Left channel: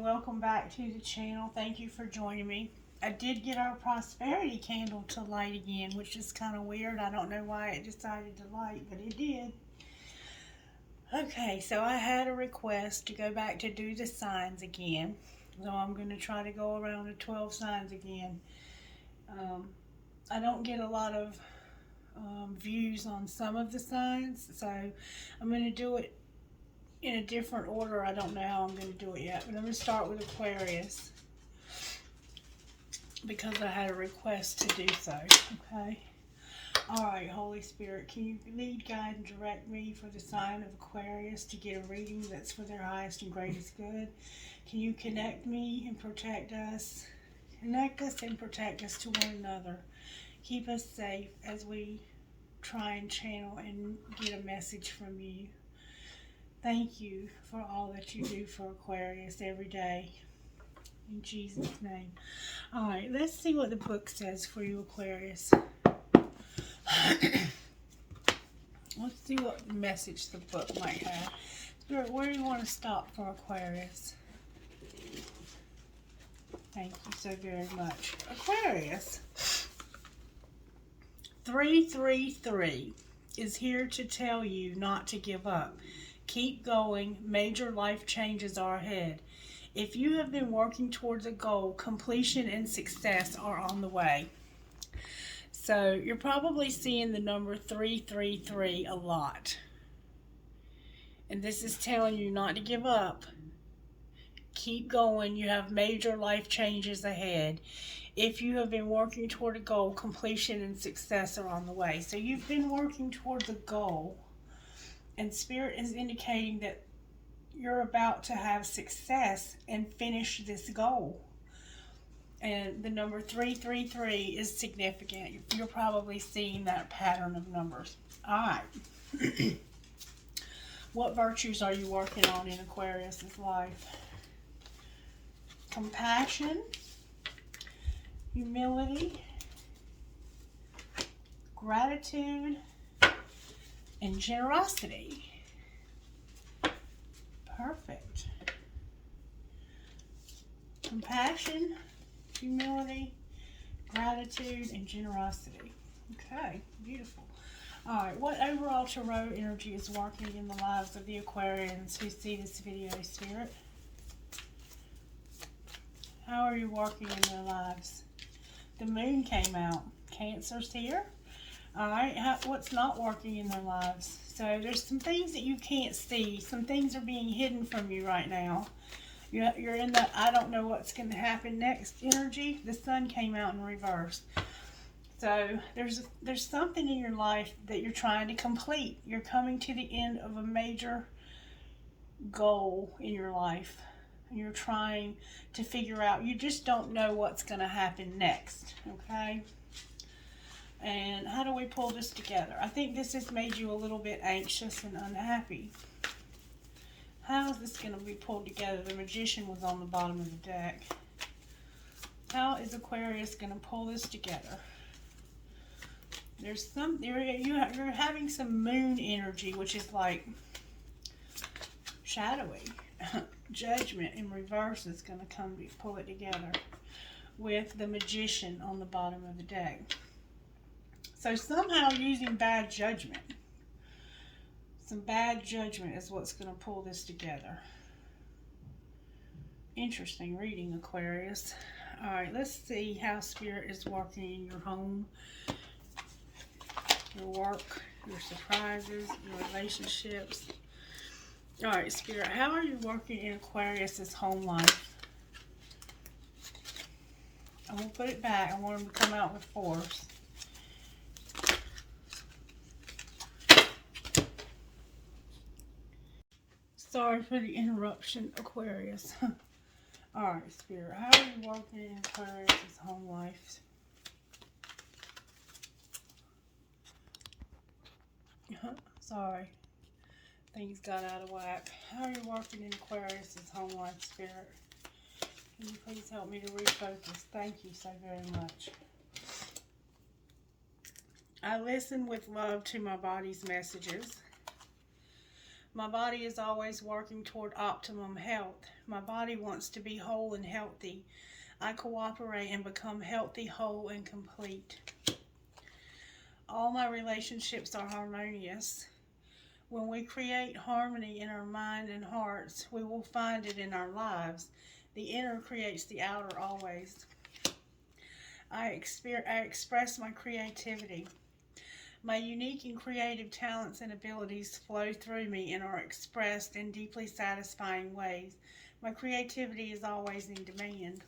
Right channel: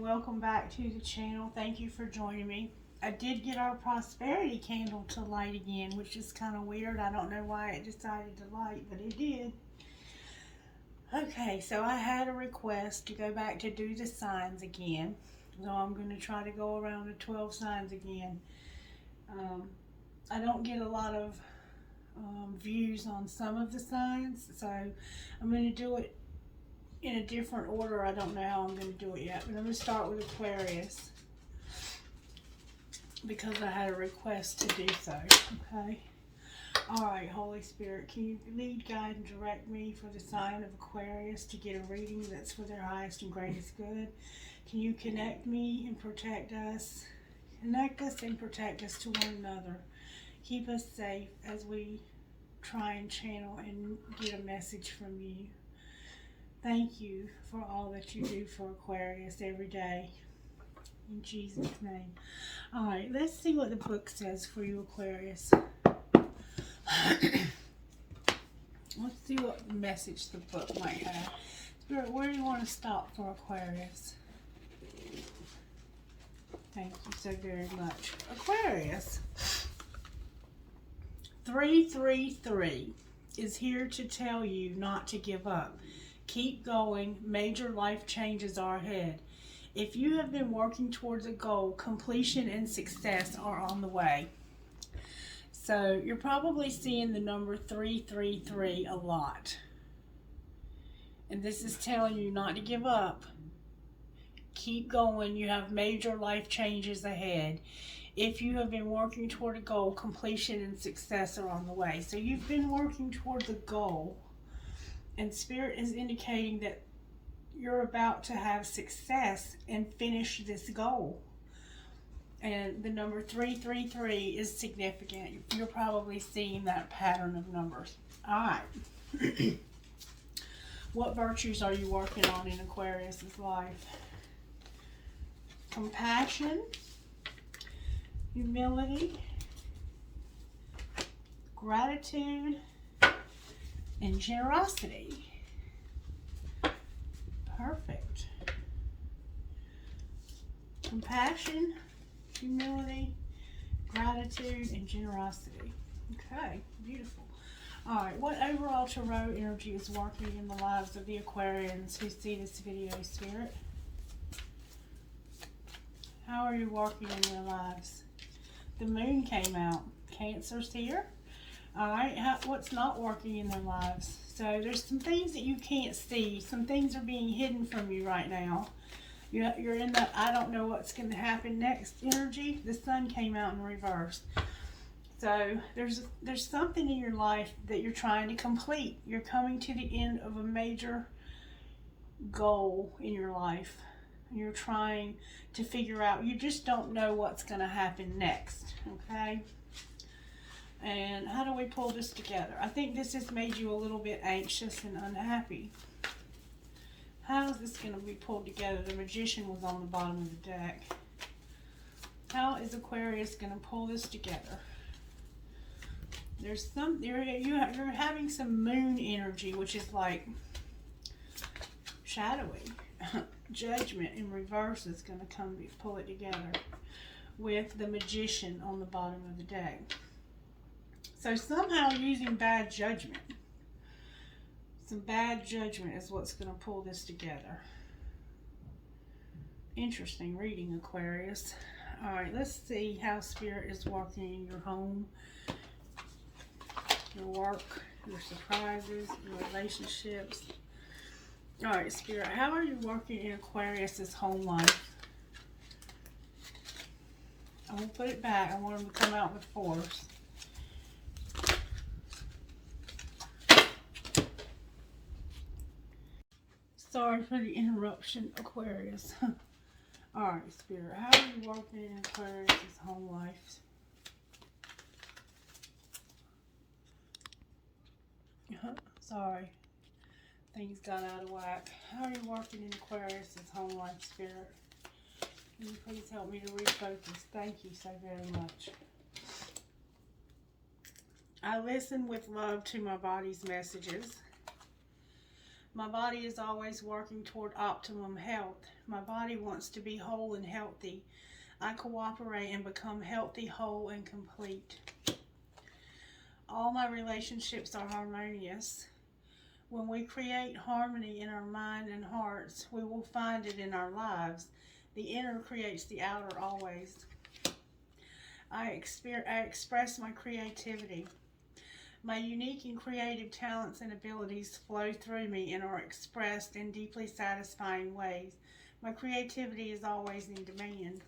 welcome back to the channel. Thank you for joining me. I did get our prosperity candle to light again, which is kind of weird. I don't know why it decided to light, but it did. Okay, so I had a request to go back to do the signs again. So I'm going to try to go around the 12 signs again. I don't get a lot of views on some of the signs, so I'm going to do it in a different order. I don't know how I'm going to do it yet, but I'm going to start with Aquarius because I had a request to do so. Okay. Alright, Holy Spirit, can you lead, guide, and direct me for the sign of Aquarius to get a reading that's for their highest and greatest good? Can you connect me and protect us? Connect us and protect us to one another. Keep us safe as we try and channel and get a message from you. Thank you for all that you do for Aquarius every day. In Jesus' name. Alright, let's see what the book says for you, Aquarius. Let's see what message the book might have. Spirit, where do you want to stop for Aquarius? Thank you so very much. Aquarius. 333 is here to tell you not to give up. Keep going. Major life changes are ahead. If you have been working towards a goal, completion and success are on the way. So you're probably seeing the number 333 a lot. And this is telling you not to give up. Keep going. You have major life changes ahead. If you have been working toward a goal, completion and success are on the way. So you've been working towards a goal. And Spirit is indicating that you're about to have success and finish this goal. And the number 333 is significant. You're probably seeing that pattern of numbers. Alright. What virtues are you working on in Aquarius' life? Compassion, humility, gratitude, and generosity. Perfect. Compassion, humility, gratitude, and generosity. Okay, beautiful. Alright, what overall tarot energy is working in the lives of the Aquarians who see this video, Spirit? How are you working in their lives? The moon came out. Cancer's here. Alright, what's not working in their lives? So there's some things that you can't see. Some things are being hidden from you right now. You're in that I don't know what's going to happen next energy. The sun came out in reverse. So there's something in your life that you're trying to complete. You're coming to the end of a major goal in your life. And you're trying to figure out, you just don't know what's going to happen next. Okay? And how do we pull this together? I think this has made you a little bit anxious and unhappy. How is this going to be pulled together? The Magician was on the bottom of the deck. How is Aquarius going to pull this together? There's you're having some moon energy, which is like shadowy. Judgment in reverse is going to pull it together with the Magician on the bottom of the deck. So somehow using bad judgment. Some bad judgment is what's going to pull this together. Interesting reading, Aquarius. Alright, let's see how Spirit is working in your home, your work, your surprises, your relationships. Alright, Spirit, how are you working in Aquarius' home life? I'm going to put it back. I want them to come out with force. Sorry for the interruption, Aquarius. Alright, Spirit, how are you working in Aquarius' home life? Sorry. Things got out of whack. How are you working in Aquarius' home life, Spirit? Can you please help me to refocus? Thank you so very much. I listen with love to my body's messages. My body is always working toward optimum health. My body wants to be whole and healthy. I cooperate and become healthy, whole, and complete. All my relationships are harmonious. When we create harmony in our mind and hearts, we will find it in our lives. The inner creates the outer always. I express my creativity. My unique and creative talents and abilities flow through me and are expressed in deeply satisfying ways. My creativity is always in demand,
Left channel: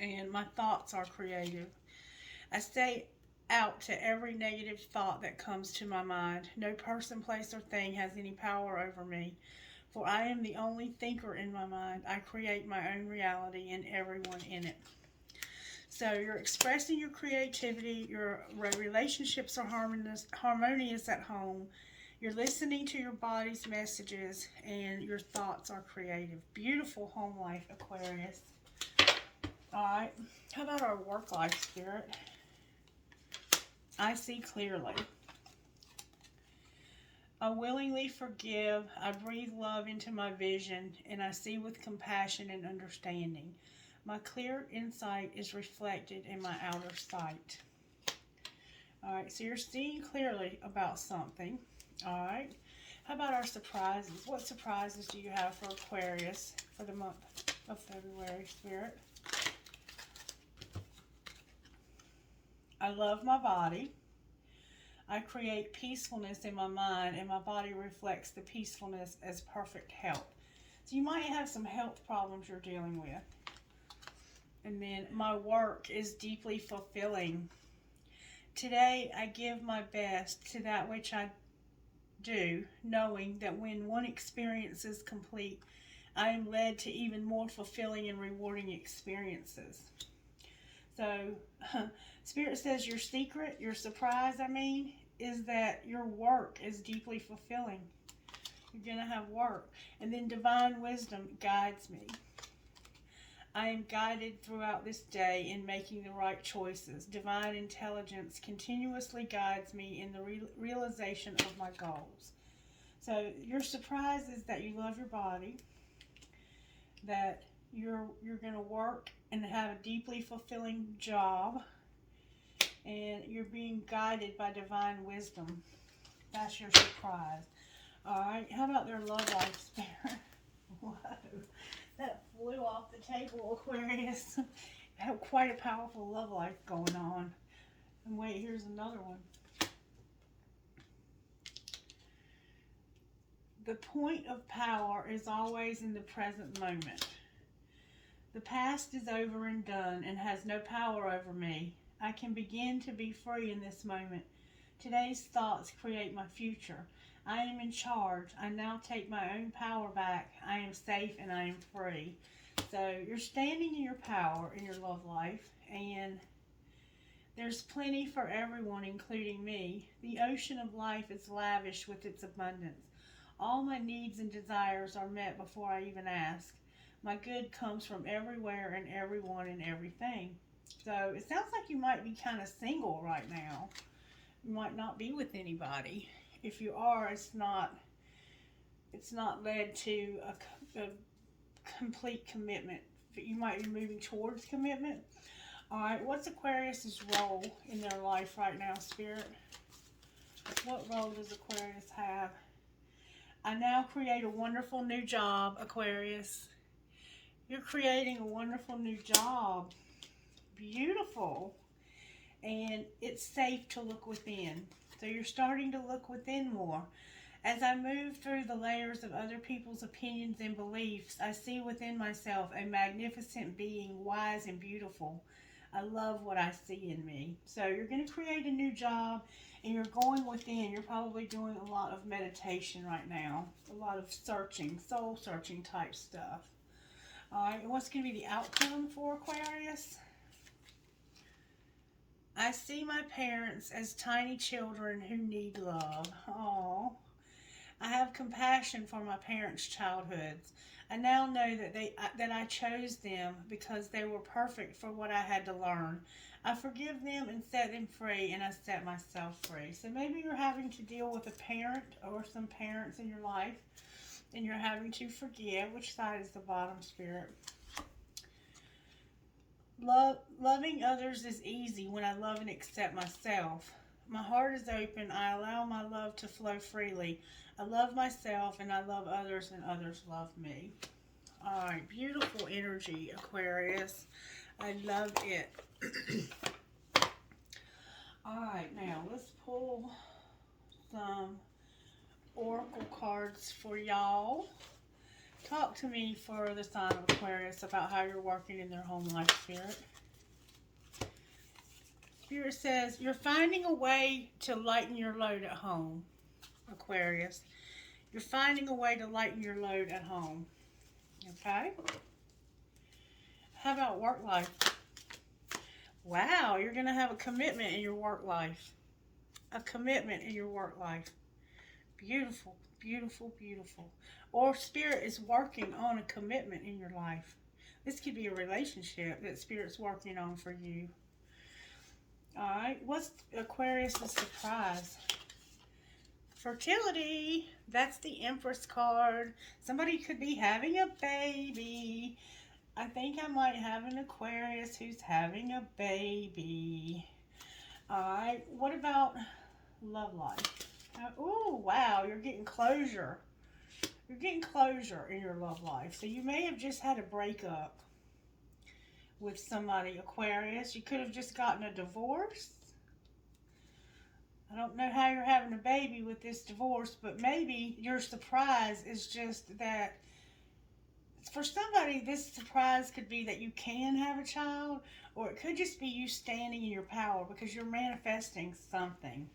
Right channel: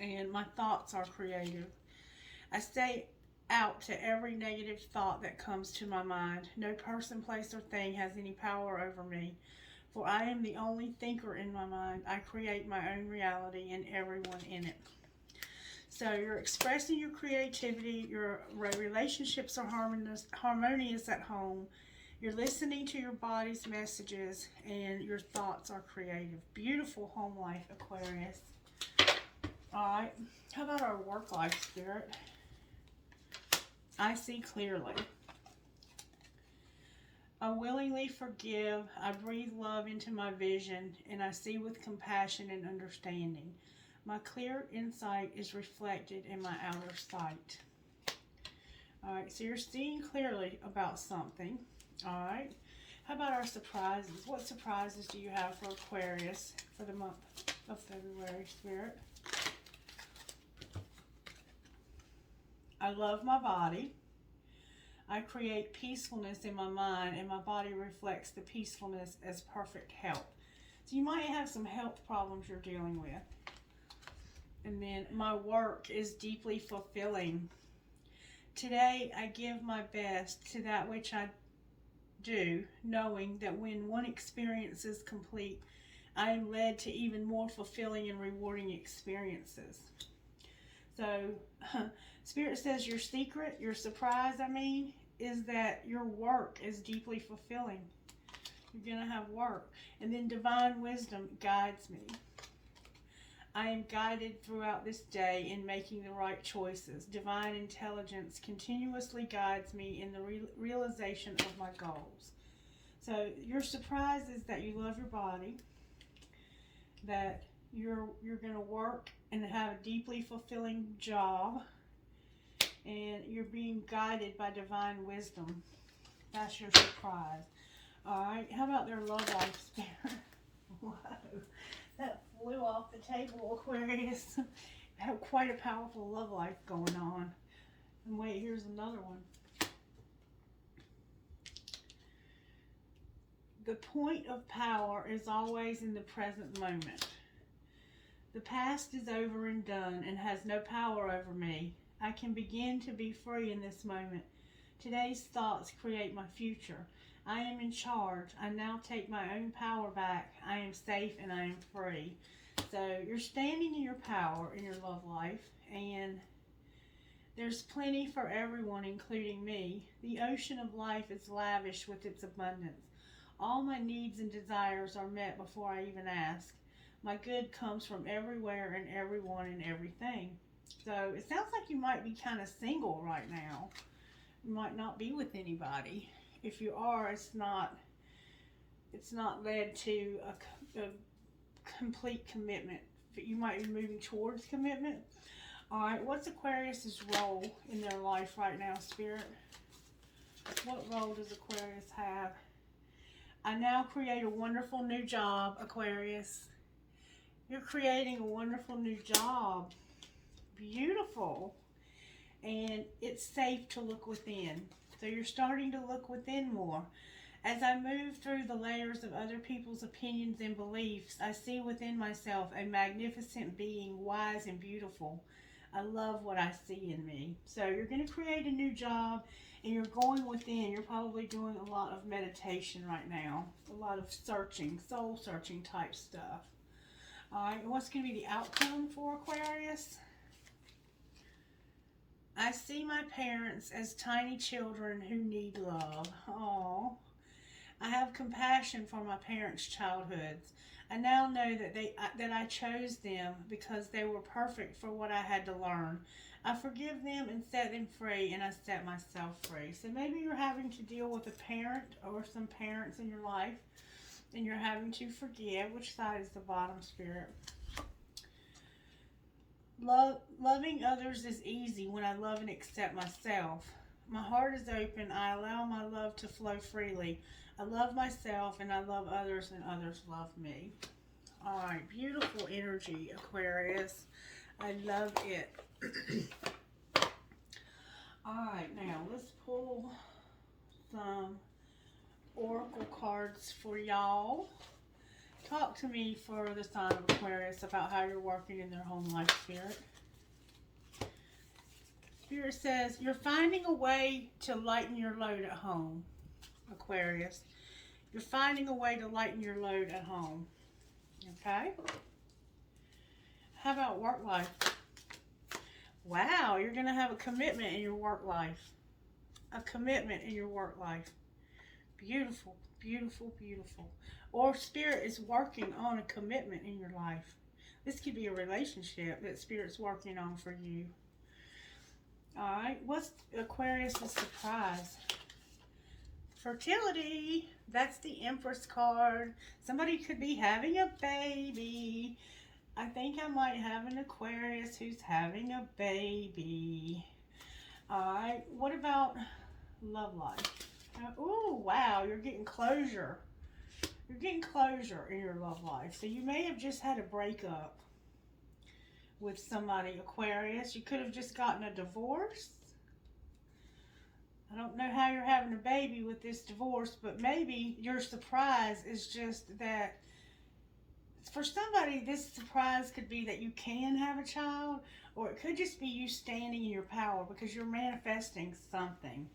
and my thoughts are creative. I stay out to every negative thought that comes to my mind. No person, place, or thing has any power over me, for I am the only thinker in my mind. I create my own reality and everyone in it. So you're expressing your creativity, your relationships are harmonious at home, you're listening to your body's messages, and your thoughts are creative. Beautiful home life, Aquarius. Alright, how about our work life, Spirit? I see clearly. I willingly forgive, I breathe love into my vision, and I see with compassion and understanding. My clear insight is reflected in my outer sight. Alright, so you're seeing clearly about something. Alright, how about our surprises? What surprises do you have for Aquarius for the month of February, Spirit? I love my body. I create peacefulness in my mind, and my body reflects the peacefulness as perfect health. So you might have some health problems you're dealing with. And then my work is deeply fulfilling. Today I give my best to that which I do, knowing that when one experience is complete, I am led to even more fulfilling and rewarding experiences. So, Spirit says your secret, your surprise, is that your work is deeply fulfilling. You're going to have work. And then divine wisdom guides me. I am guided throughout this day in making the right choices. Divine intelligence continuously guides me in the realization of my goals. So your surprise is that you love your body, that you're going to work and have a deeply fulfilling job, and you're being guided by divine wisdom. That's your surprise. All right, how about their love life, Spirit? Whoa, that flew off the table, Aquarius. Have quite a powerful love life going on. And wait, here's another one. The point of power is always in the present moment. The past is over and done and has no power over me. I can begin to be free in this moment. Today's thoughts create my future. I am in charge. I now take my own power back. I am safe and I am free. So you're standing in your power in your love life, and there's plenty for everyone, including me. The ocean of life is lavish with its abundance. All my needs and desires are met before I even ask. My good comes from everywhere and everyone and everything. So it sounds like you might be kind of single right now. You might not be with anybody. If you are, it's not led to a complete commitment. You might be moving towards commitment. All right, what's Aquarius's role in their life right now, Spirit? What role does Aquarius have? I now create a wonderful new job, Aquarius. You're creating a wonderful new job. Beautiful. And it's safe to look within. So you're starting to look within more. As I move through the layers of other people's opinions and beliefs, I see within myself a magnificent being, wise and beautiful. I love what I see in me. So you're going to create a new job, and you're going within. You're probably doing a lot of meditation right now. A lot of searching, soul searching type stuff. All right, what's going to be the outcome for Aquarius? I see my parents as tiny children who need love. Aww. I have compassion for my parents' childhoods. I now know that I chose them because they were perfect for what I had to learn. I forgive them and set them free, and I set myself free. So maybe you're having to deal with a parent or some parents in your life, and you're having to forgive. Which side is the bottom, Spirit? Loving others is easy when I love and accept myself. My heart is open. I allow my love to flow freely. I love myself and I love others and others love me. All right, beautiful energy, Aquarius. I love it. All right, now let's pull some oracle cards for y'all. Talk to me for the sign of Aquarius about how you're working in their home life, Spirit. Spirit says, you're finding a way to lighten your load at home, Aquarius. You're finding a way to lighten your load at home. Okay? How about work life? Wow, you're going to have a commitment in your work life. A commitment in your work life. Beautiful, beautiful, beautiful. Or Spirit is working on a commitment in your life. This could be a relationship that Spirit's working on for you. Alright, what's Aquarius' surprise? Fertility. That's the Empress card. Somebody could be having a baby. I think I might have an Aquarius who's having a baby. Alright, what about love life? Oh, wow, you're getting closure. You're getting closure in your love life. So you may have just had a breakup with somebody, Aquarius. You could have just gotten a divorce. I don't know how you're having a baby with this divorce, but maybe your surprise is just that for somebody, this surprise could be that you can have a child, or it could just be you standing in your power because you're manifesting something.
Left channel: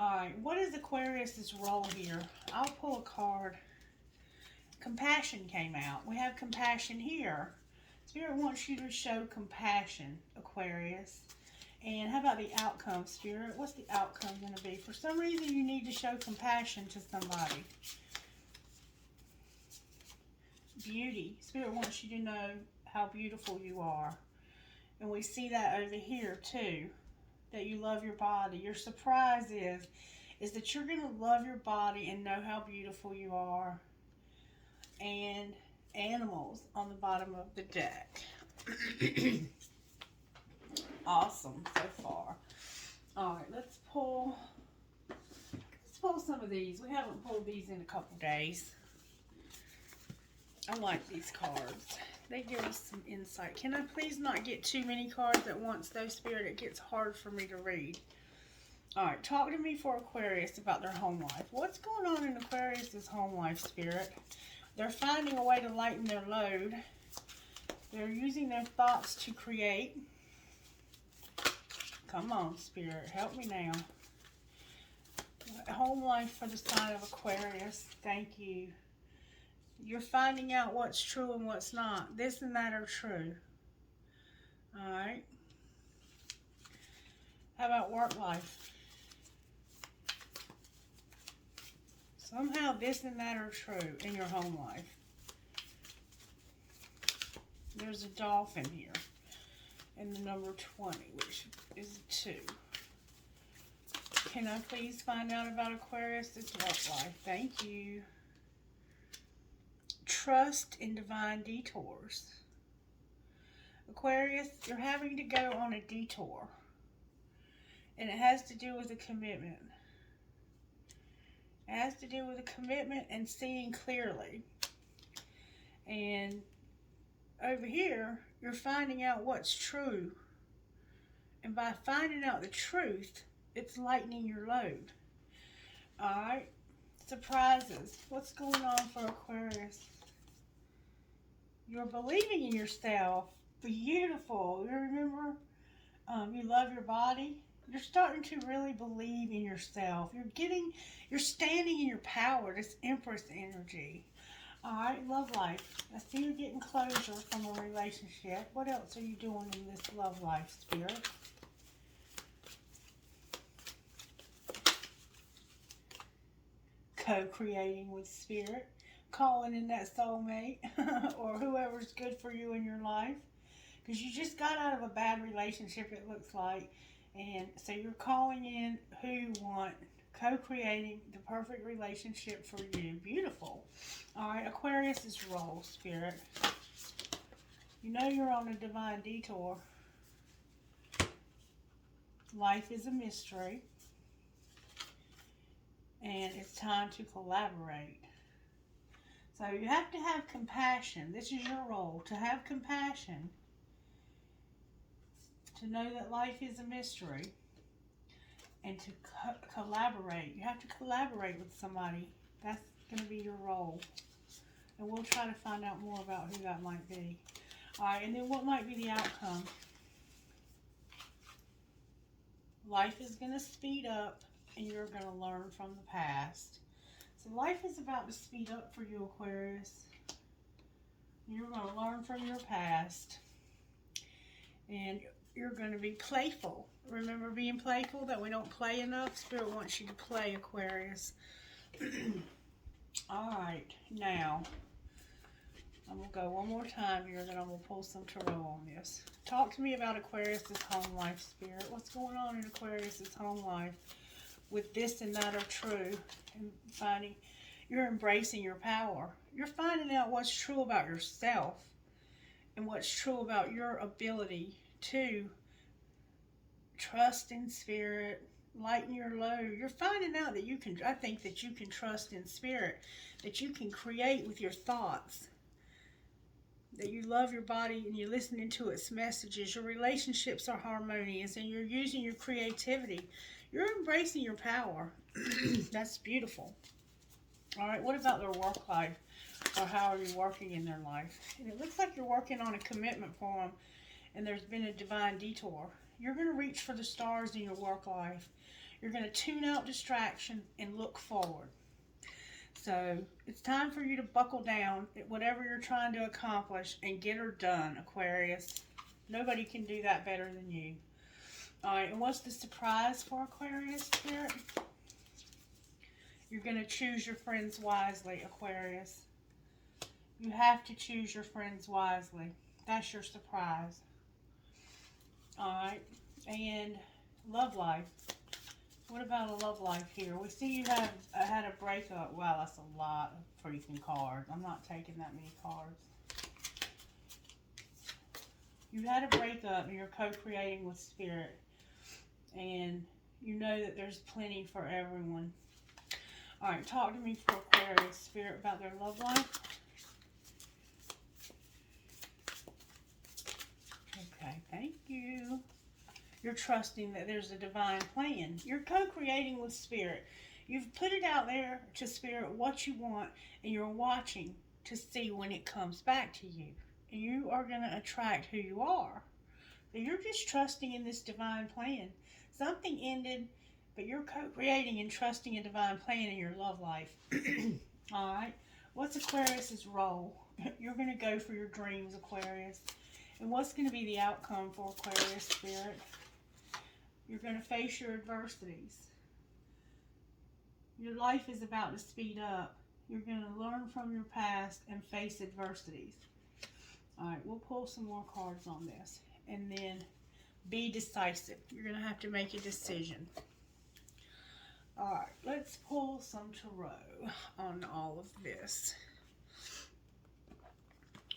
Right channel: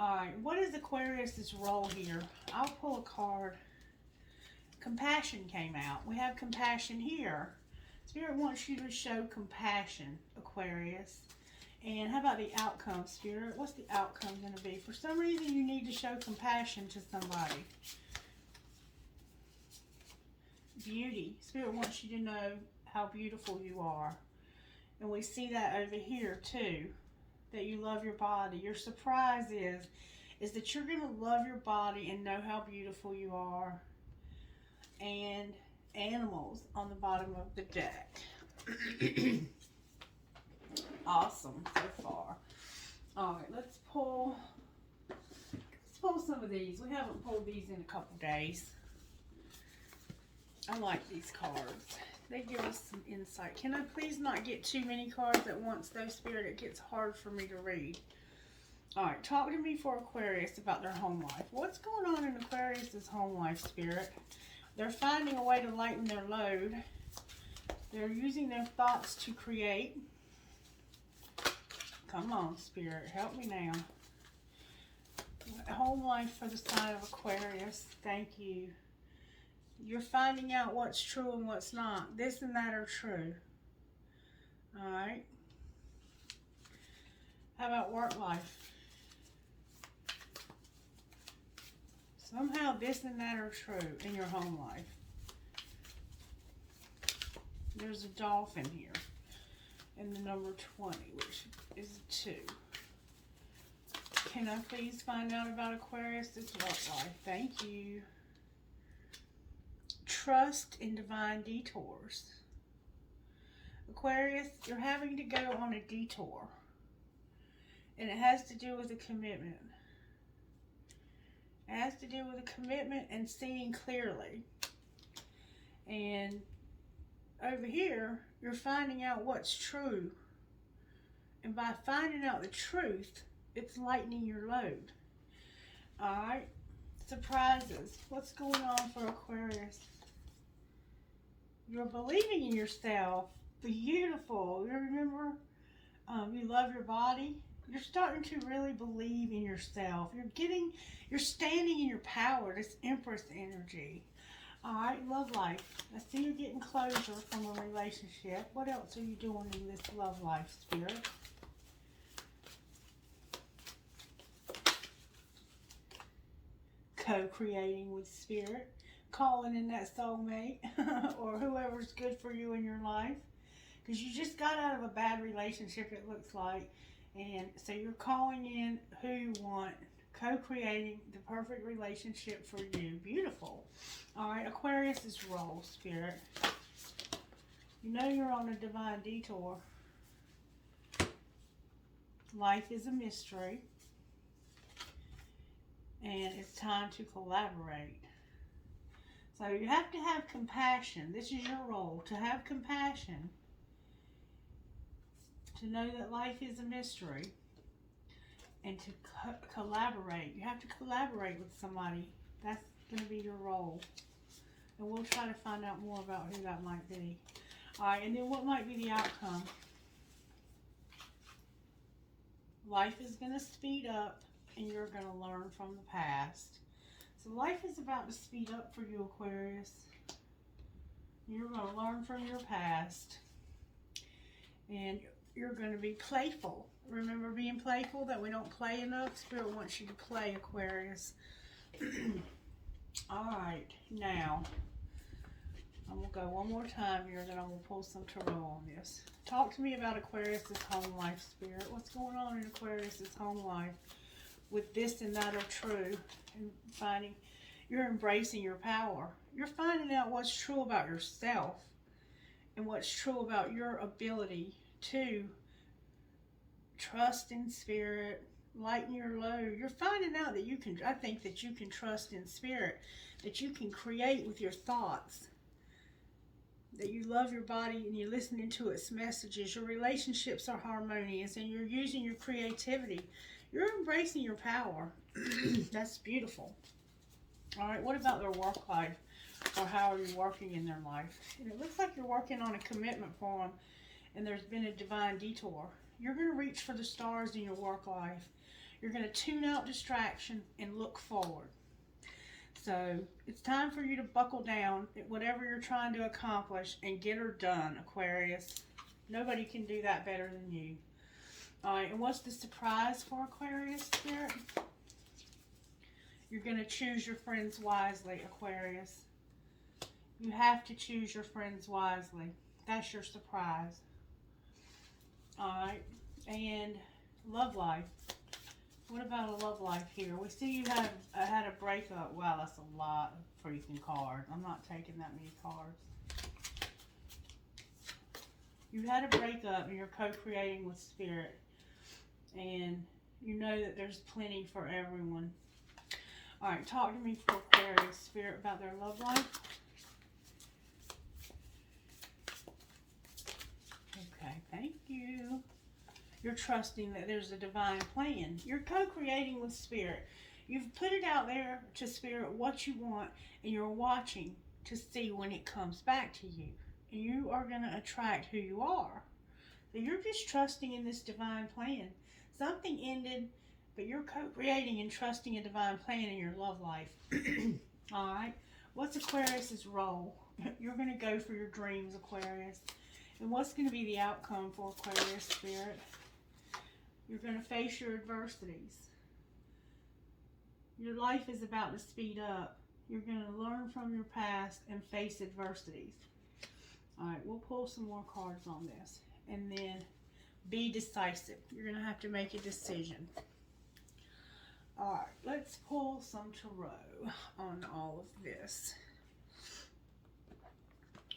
All right, what is Aquarius's role here? I'll pull a card. Compassion came out. We have compassion here. Spirit wants you to show compassion, Aquarius. And how about the outcome, Spirit? What's the outcome going to be? For some reason, you need to show compassion to somebody. Beauty. Spirit wants you to know how beautiful you are. And we see that over here, too. That you love your body. Your surprise is that you're going to love your body and know how beautiful you are. And animals on the bottom of the deck. Awesome so far. All right, let's pull some of these. We haven't pulled these in a couple days. I like these cards. They give us some insight. Can I please not get too many cards at once, though, Spirit? It gets hard for me to read. All right, talk to me for Aquarius about their home life. What's going on in Aquarius's home life, Spirit? They're finding a way to lighten their load. They're using their thoughts to create. Come on, Spirit. Help me now. Home life for the sign of Aquarius. Thank you. You're finding out what's true and what's not. This and that are true. Alright. How about work life? Somehow this and that are true in your home life. There's a dolphin here. And the number 20, which is 2. Can I please find out about Aquarius' work life? Thank you. Trust in divine detours. Aquarius, you're having to go on a detour. And it has to do with a commitment. It has to do with a commitment and seeing clearly. And over here, you're finding out what's true. And by finding out the truth, it's lightening your load. Alright. Surprises. What's going on for Aquarius? You're believing in yourself. Beautiful. You remember, you love your body. You're starting to really believe in yourself. You're standing in your power. This Empress energy. Alright, love life. I see you getting closure from a relationship. What else are you doing in this love life, Spirit? Co-creating with Spirit. calling in that soulmate or whoever's good for you in your life. Because you just got out of a bad relationship, it looks like. And so you're calling in who you want, co-creating the perfect relationship for you. Beautiful. All right, Aquarius's role, Spirit. You know you're on a divine detour. Life is a mystery. And it's time to collaborate. So you have to have compassion. This is your role, to have compassion. To know that life is a mystery. And to collaborate. You have to collaborate with somebody. That's going to be your role. And we'll try to find out more about who that might be. Alright, and then what might be the outcome? Life is going to speed up and you're going to learn from the past. So life is about to speed up for you, Aquarius. You're going to learn from your past. And you're going to be playful. Remember being playful, that we don't play enough? Spirit wants you to play, Aquarius. Alright, now, I'm going to go one more time here, then I'm going to pull some tarot on this. Talk to me about Aquarius's home life, Spirit. What's going on in Aquarius's home life with this and that are true? And finding, you're embracing your power. You're finding out what's true about yourself and what's true about your ability to trust in Spirit, lighten your load. You're finding out that you can, I think that you can trust in Spirit, that you can create with your thoughts, that you love your body and you're listening to its messages. Your relationships are harmonious and you're using your creativity. You're embracing your power. That's beautiful. All right, what about their work life? Or how are you working in their life? And it looks like you're working on a commitment for them and there's been a divine detour. You're going to reach for the stars in your work life. You're going to tune out distraction and look forward. So it's time for you to buckle down at whatever you're trying to accomplish and get her done, Aquarius. Nobody can do that better than you. All right, and what's the surprise for Aquarius, Spirit? You're going to choose your friends wisely, Aquarius. You have to choose your friends wisely. That's your surprise. All right, and love life. What about a love life here? We see you had a breakup. Wow, that's a lot of freaking cards. I'm not taking that many cards. You had a breakup and you're co-creating with Spirit. And you know that there's plenty for everyone. All right, talk to me for Aquarius, Spirit, about their love life. Okay, thank you. You're trusting that there's a divine plan. You're co-creating with Spirit. You've put it out there to Spirit what you want, and you're watching to see when it comes back to you. And you are going to attract who you are. So you're just trusting in this divine plan. Something ended, but you're co-creating and trusting a divine plan in your love life. All right. What's Aquarius's role? You're going to go for your dreams, Aquarius. And what's going to be the outcome for Aquarius, Spirit? You're going to face your adversities. Your life is about to speed up. You're going to learn from your past and face adversities. All right, we'll pull some more cards on this. And then be decisive. You're going to have to make a decision. All right, let's pull some tarot on all of this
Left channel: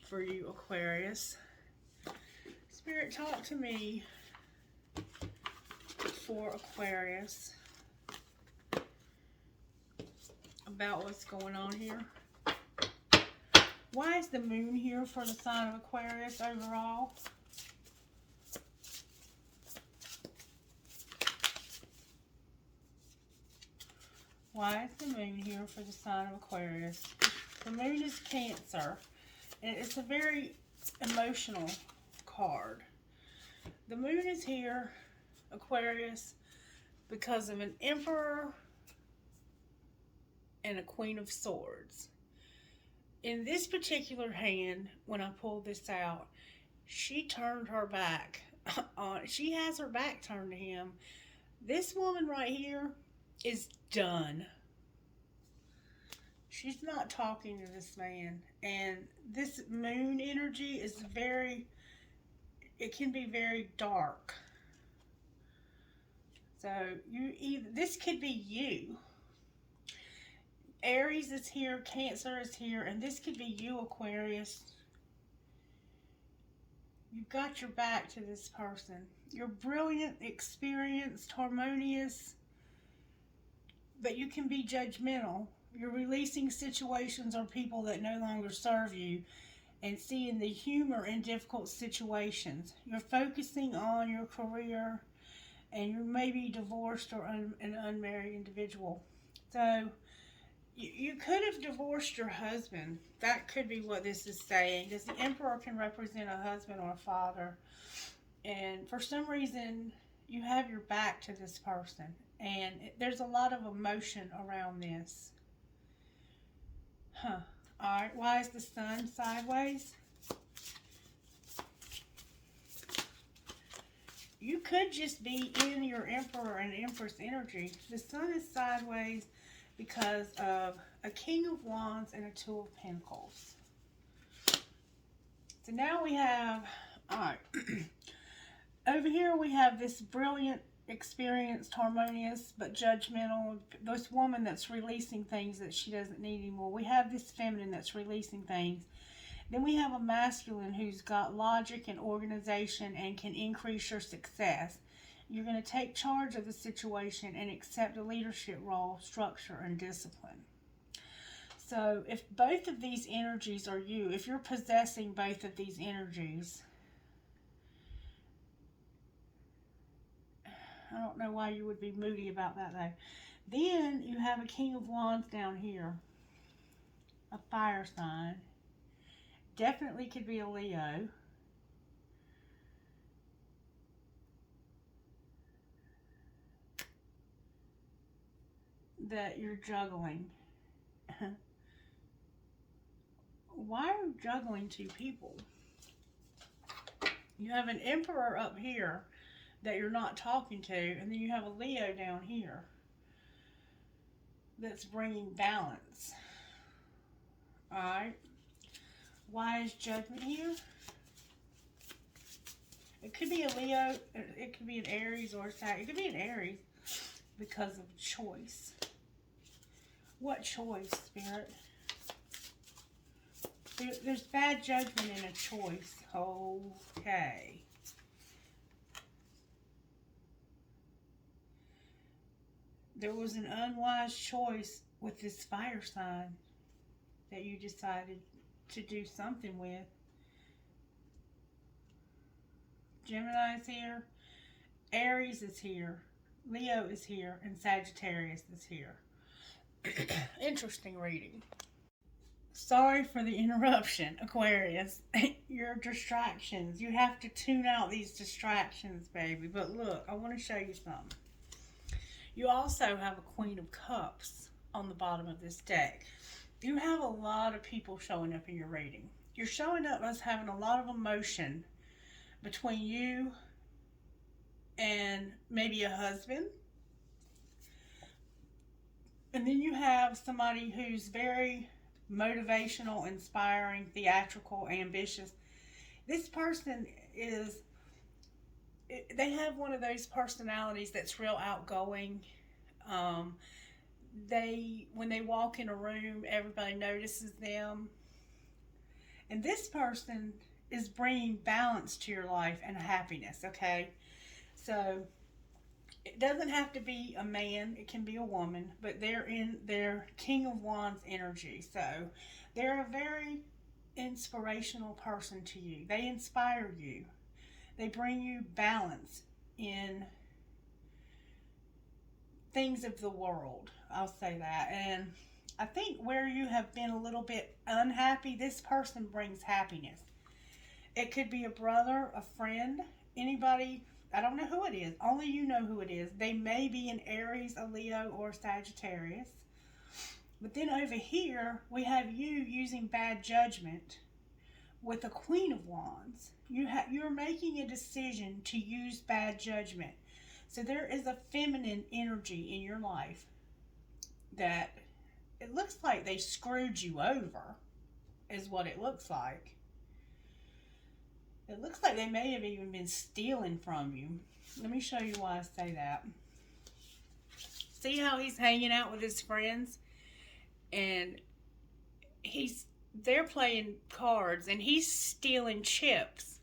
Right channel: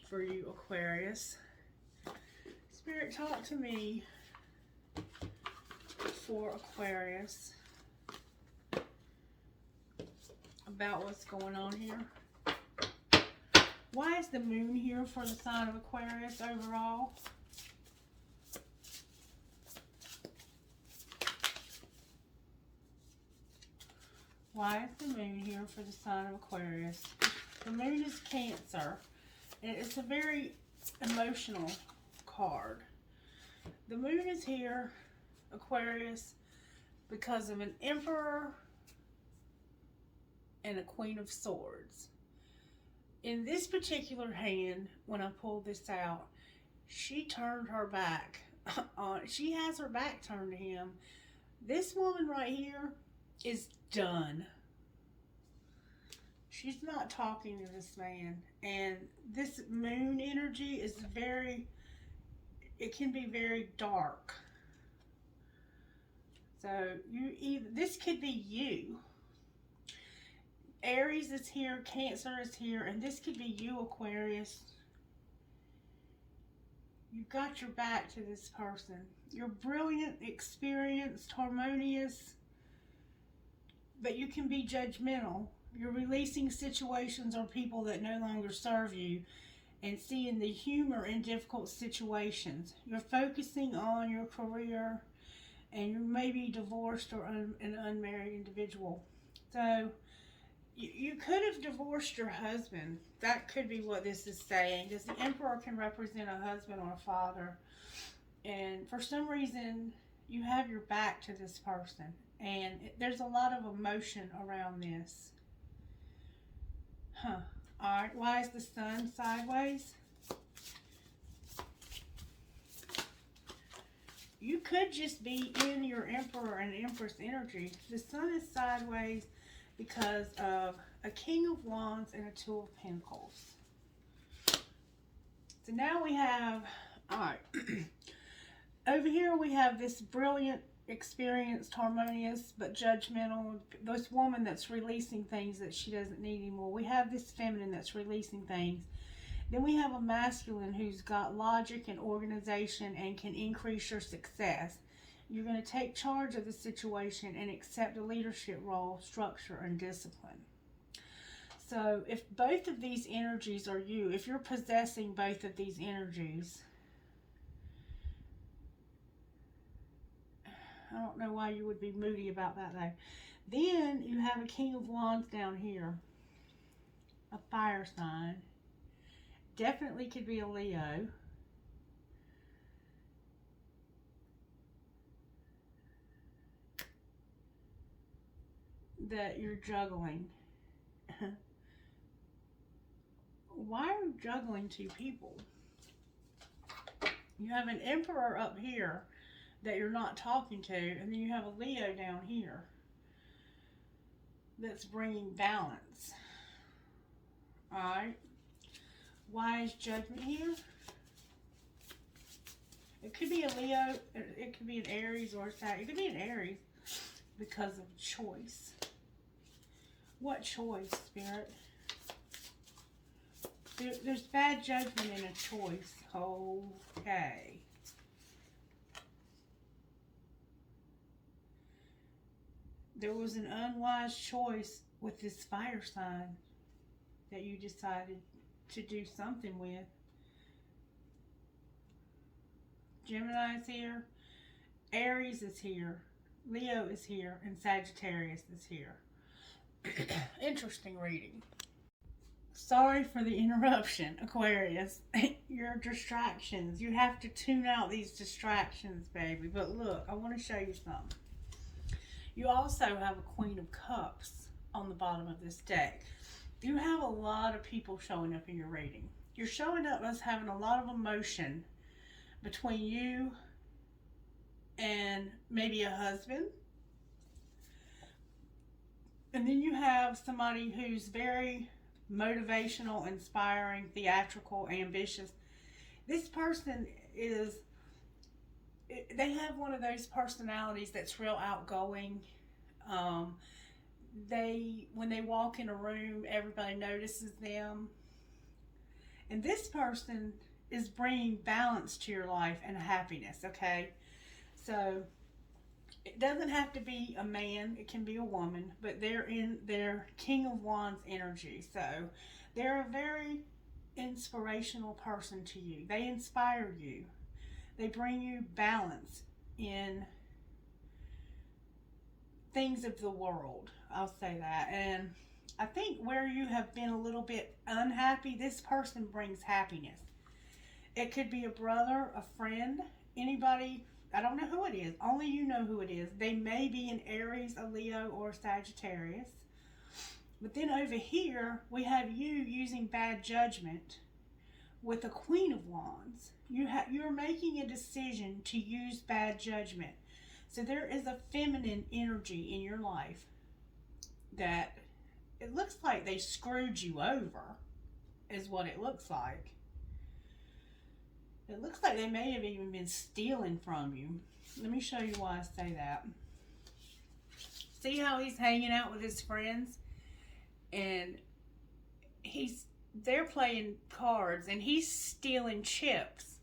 for you, Aquarius. Spirit, talk to me for Aquarius about what's going on here. Why is the moon here for the sign of Aquarius overall? Why is the moon here for the sign of Aquarius? The moon is Cancer, and it's a very emotional card. The moon is here, Aquarius, because of an Emperor and a Queen of Swords. In this particular hand, when I pulled this out, she turned her back. She has her back turned to him. This woman right here is done. She's not talking to this man. And this moon energy is it can be very dark. So this could be you. Aries is here, Cancer is here, and this could be you, Aquarius. You've got your back to this person. You're brilliant, experienced, harmonious, but you can be judgmental. You're releasing situations or people that no longer serve you and seeing the humor in difficult situations. You're focusing on your career, and you're maybe divorced or an unmarried individual. So you could have divorced your husband. That could be what this is saying, because the Emperor can represent a husband or a father. And for some reason, you have your back to this person. And there's a lot of emotion around this. Alright, why is the sun sideways? You could just be in your Emperor and Empress energy. The sun is sideways because of a King of Wands and a Two of Pentacles. So now we have, alright, over here we have this brilliant, experienced, harmonious, but judgmental, this woman that's releasing things that she doesn't need anymore. We have this feminine that's releasing things. Then we have a masculine who's got logic and organization and can increase your success. You're going to take charge of the situation and accept a leadership role, structure, and discipline. So if both of these energies are you, if you're possessing both of these energies, I don't know why you would be moody about that though. Then you have a King of Wands down here, a fire sign. Definitely could be a Leo. That you're juggling. Why are you juggling two people? You have an Emperor up here that you're not talking to, and then you have a Leo down here that's bringing balance. Alright. Why is Judgment here? It could be a Leo, it could be an Aries or a Sag. It could be an Aries because of choice. What choice, Spirit? There's bad judgment in a choice. Okay. There was an unwise choice with this fire sign that you decided to do something with. Gemini is here, Aries is here, Leo is here, and Sagittarius is here. Interesting reading. Sorry for the interruption, Aquarius. Your distractions. You have to tune out these distractions, baby. But look, I want to show you something. You also have a Queen of Cups on the bottom of this deck. You have a lot of people showing up in your reading. You're showing up as having a lot of emotion between you and maybe a husband. And then you have somebody who's very motivational, inspiring, theatrical, ambitious. This person they have one of those personalities that's real outgoing. When they walk in a room, everybody notices them. And this person is bringing balance to your life and happiness, okay? So it doesn't have to be a man, it can be a woman, but they're in their King of Wands energy. So they're a very inspirational person to you. They inspire you. They bring you balance in things of the world. I'll say that. And I think where you have been a little bit unhappy, this person brings happiness. It could be a brother, a friend, anybody. I don't know who it is. Only you know who it is. They may be an Aries, a Leo, or a Sagittarius. But then over here, we have you using bad judgment with the Queen of Wands. You're making a decision to use bad judgment. So there is a feminine energy in your life that it looks like they screwed you over, is what it looks like. It looks like they may have even been stealing from you. Let me show you why I say that. See how he's hanging out with his friends? And they're playing cards and he's stealing chips.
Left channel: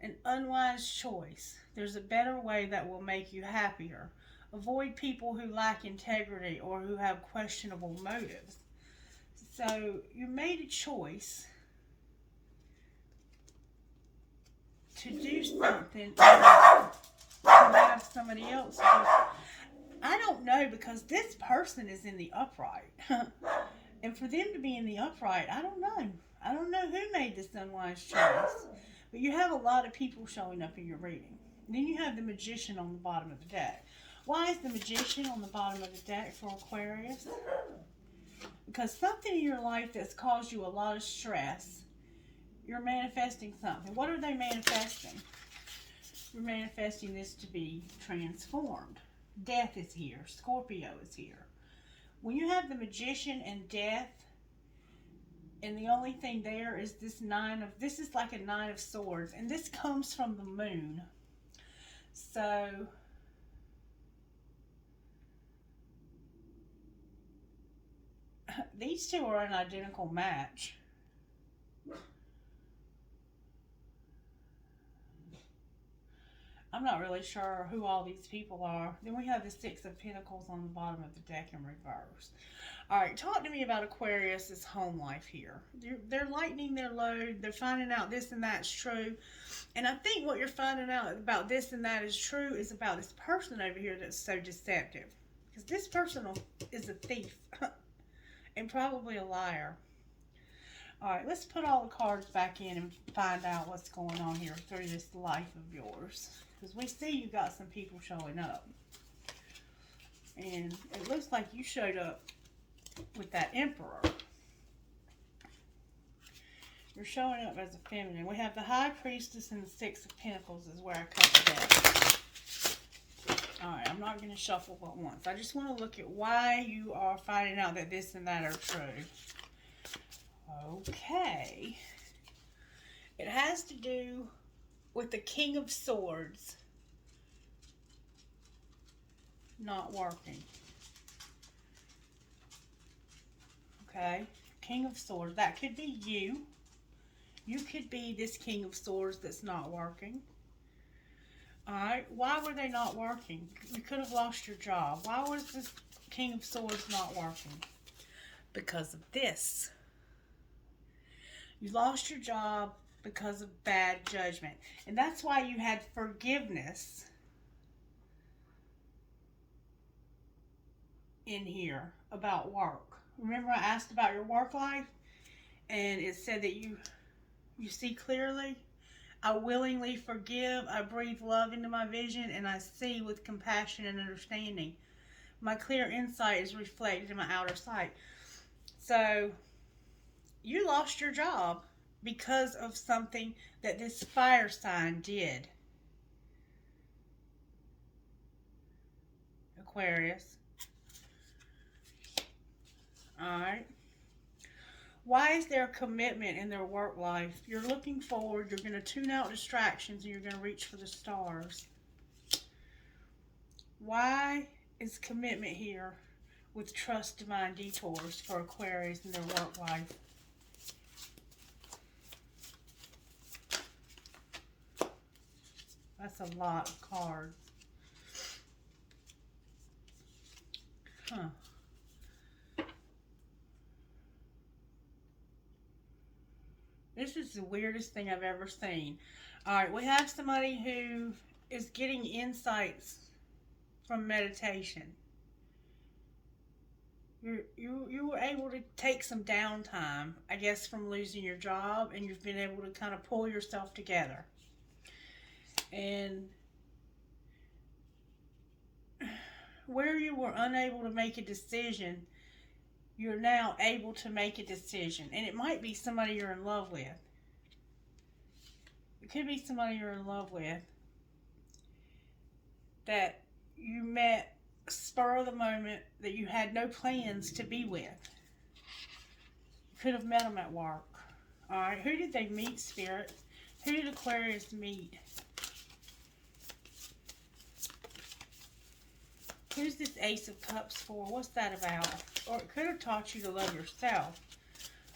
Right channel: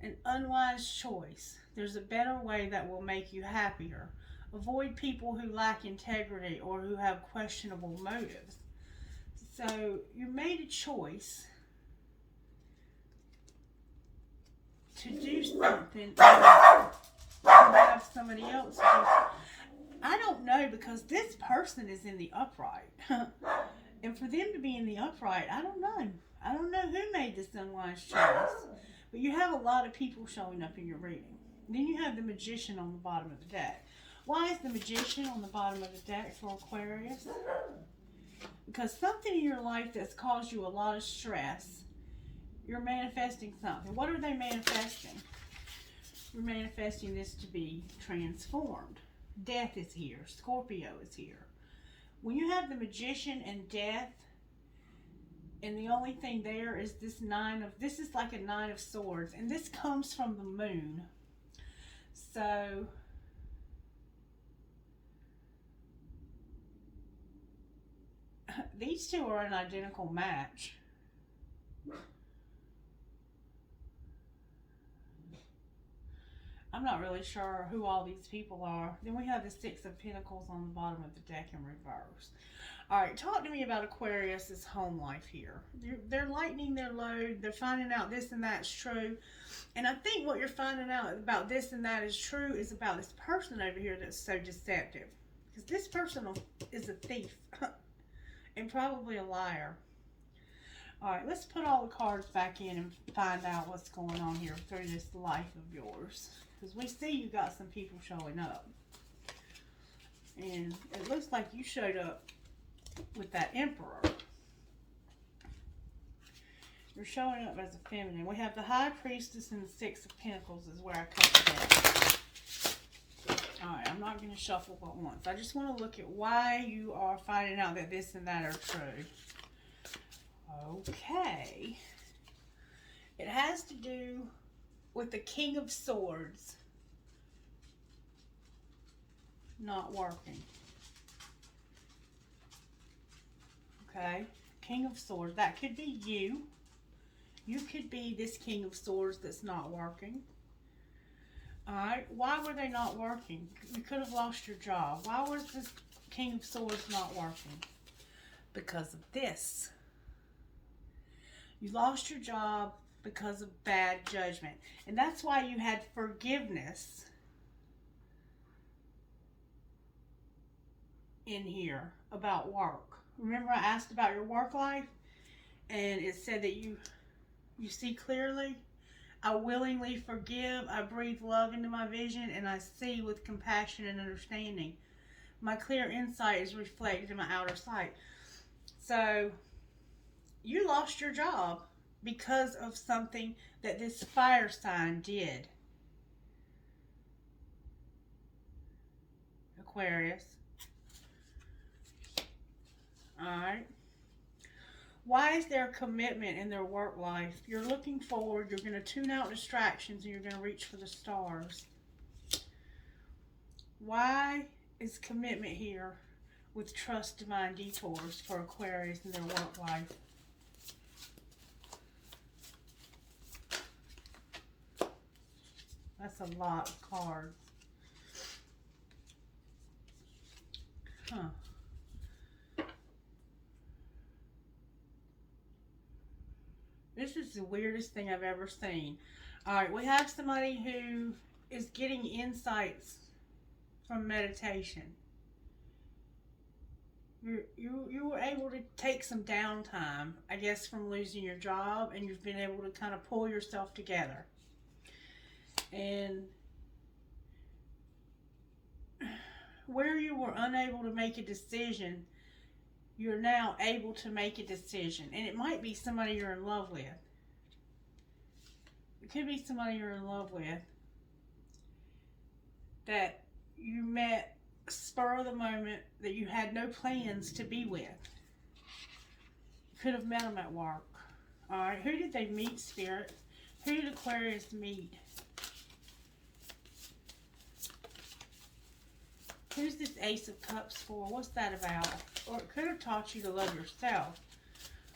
An unwise choice. There's a better way that will make you happier. Avoid people who lack integrity or who have questionable motives. So you made a choice to do something to have somebody else do. I don't know, because this person is in the upright. And for them to be in the upright, I don't know. I don't know who made this unwise choice. But you have a lot of people showing up in your reading. Then you have the Magician on the bottom of the deck. Why is the Magician on the bottom of the deck for Aquarius? Because something in your life that's caused you a lot of stress, you're manifesting something. What are they manifesting? You're manifesting this to be transformed. Death is here. Scorpio is here. When you have the Magician and Death, and the only thing there is this this is like a 9 of Swords, and this comes from the moon. So these two are an identical match. I'm not really sure who all these people are. Then we have the 6 of Pentacles on the bottom of the deck in reverse. All right, talk to me about Aquarius's home life here. They're lightening their load. They're finding out this and that's true. And I think what you're finding out about this and that is true is about this person over here that's so deceptive. Because this person is a thief and probably a liar. All right, let's put all the cards back in and find out what's going on here through this life of yours. Because we see you got some people showing up. And it looks like you showed up with that Emperor. You're showing up as a feminine. We have the High Priestess and the 6 of Pentacles is where I cut the deck. Alright, I'm not going to shuffle but once. I just want to look at why you are finding out that this and that are true. Okay. It has to do with the King of Swords not working. Okay, King of Swords. That could be you. You could be this King of Swords that's not working. Alright, why were they not working? You could have lost your job. Why was this King of Swords not working? Because of this. You lost your job because of bad judgment. And that's why you had forgiveness in here about work. Remember I asked about your work life? And it said that you see clearly. I willingly forgive. I breathe love into my vision. And I see with compassion and understanding. My clear insight is reflected in my outer sight. So you lost your job because of something that this fire sign did. Aquarius. Alright. Why is there commitment in their work life? You're looking forward. You're going to tune out distractions and you're going to reach for the stars. Why is commitment here with trust, divine detours for Aquarius in their work life? That's a lot of cards. Huh. This is the weirdest thing I've ever seen. Alright, we have somebody who is getting insights from meditation. You were able to take some downtime, I guess, from losing your job, and you've been able to kind of pull yourself together. And where you were unable to make a decision, you're now able to make a decision. And it might be somebody you're in love with. It could be somebody you're in love with that you met spur of the moment that you had no plans to be with. You could have met them at work. Alright, who did they meet, Spirit? Who did Aquarius meet? Who's this Ace of Cups for? What's that about? Or it could have taught you to love yourself.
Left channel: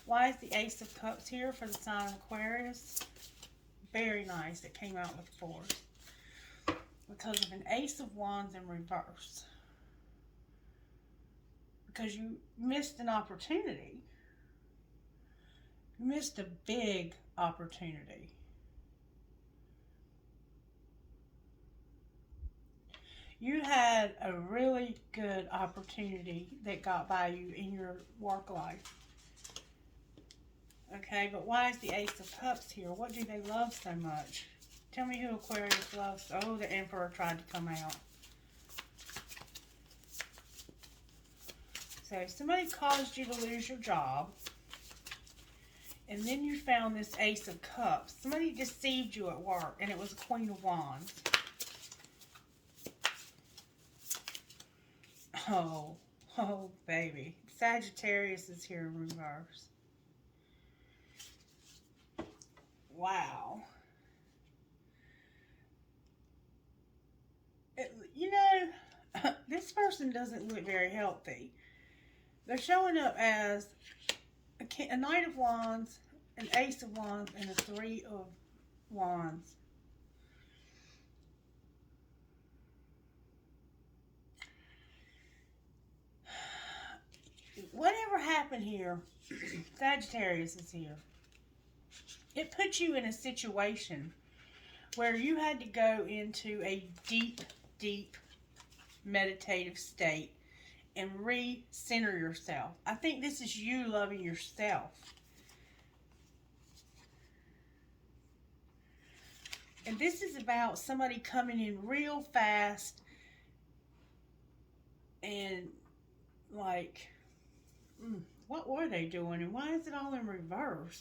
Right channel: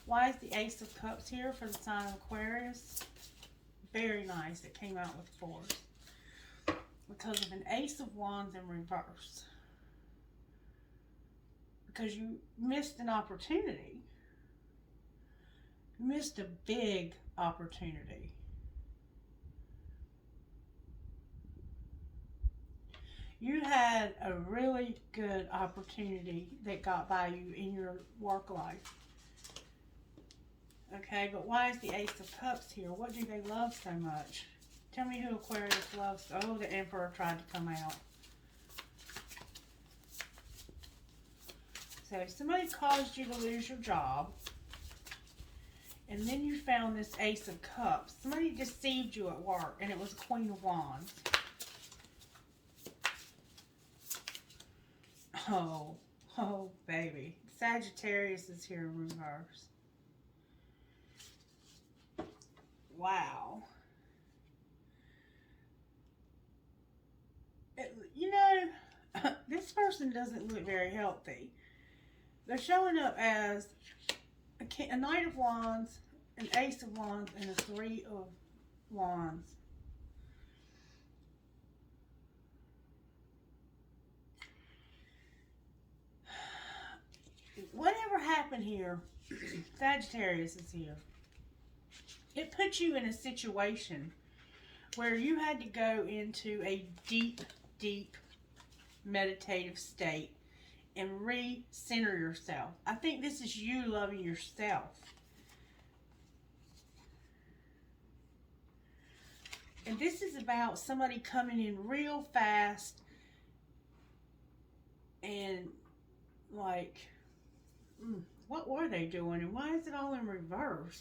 Why is the Ace of Cups here for the sign of Aquarius? Very nice. It came out with 4. Because of an Ace of Wands in reverse. Because you missed an opportunity. You missed a big opportunity. You had a really good opportunity that got by you in your work life. Okay, but why is the Ace of Cups here? What do they love so much? Tell me who Aquarius loves. Oh, the Emperor tried to come out. So somebody caused you to lose your job. And then you found this Ace of Cups. Somebody deceived you at work, and it was Queen of Wands. Oh, baby. Sagittarius is here in reverse. Wow. This person doesn't look very healthy. They're showing up as a Knight of Wands, an Ace of Wands, and a 3 of Wands. Whatever happened here, Sagittarius is here. It put you in a situation where you had to go into a deep, deep meditative state and re-center yourself. I think this is you loving yourself. And this is about somebody coming in real fast and like, what were they doing and why is it all in reverse?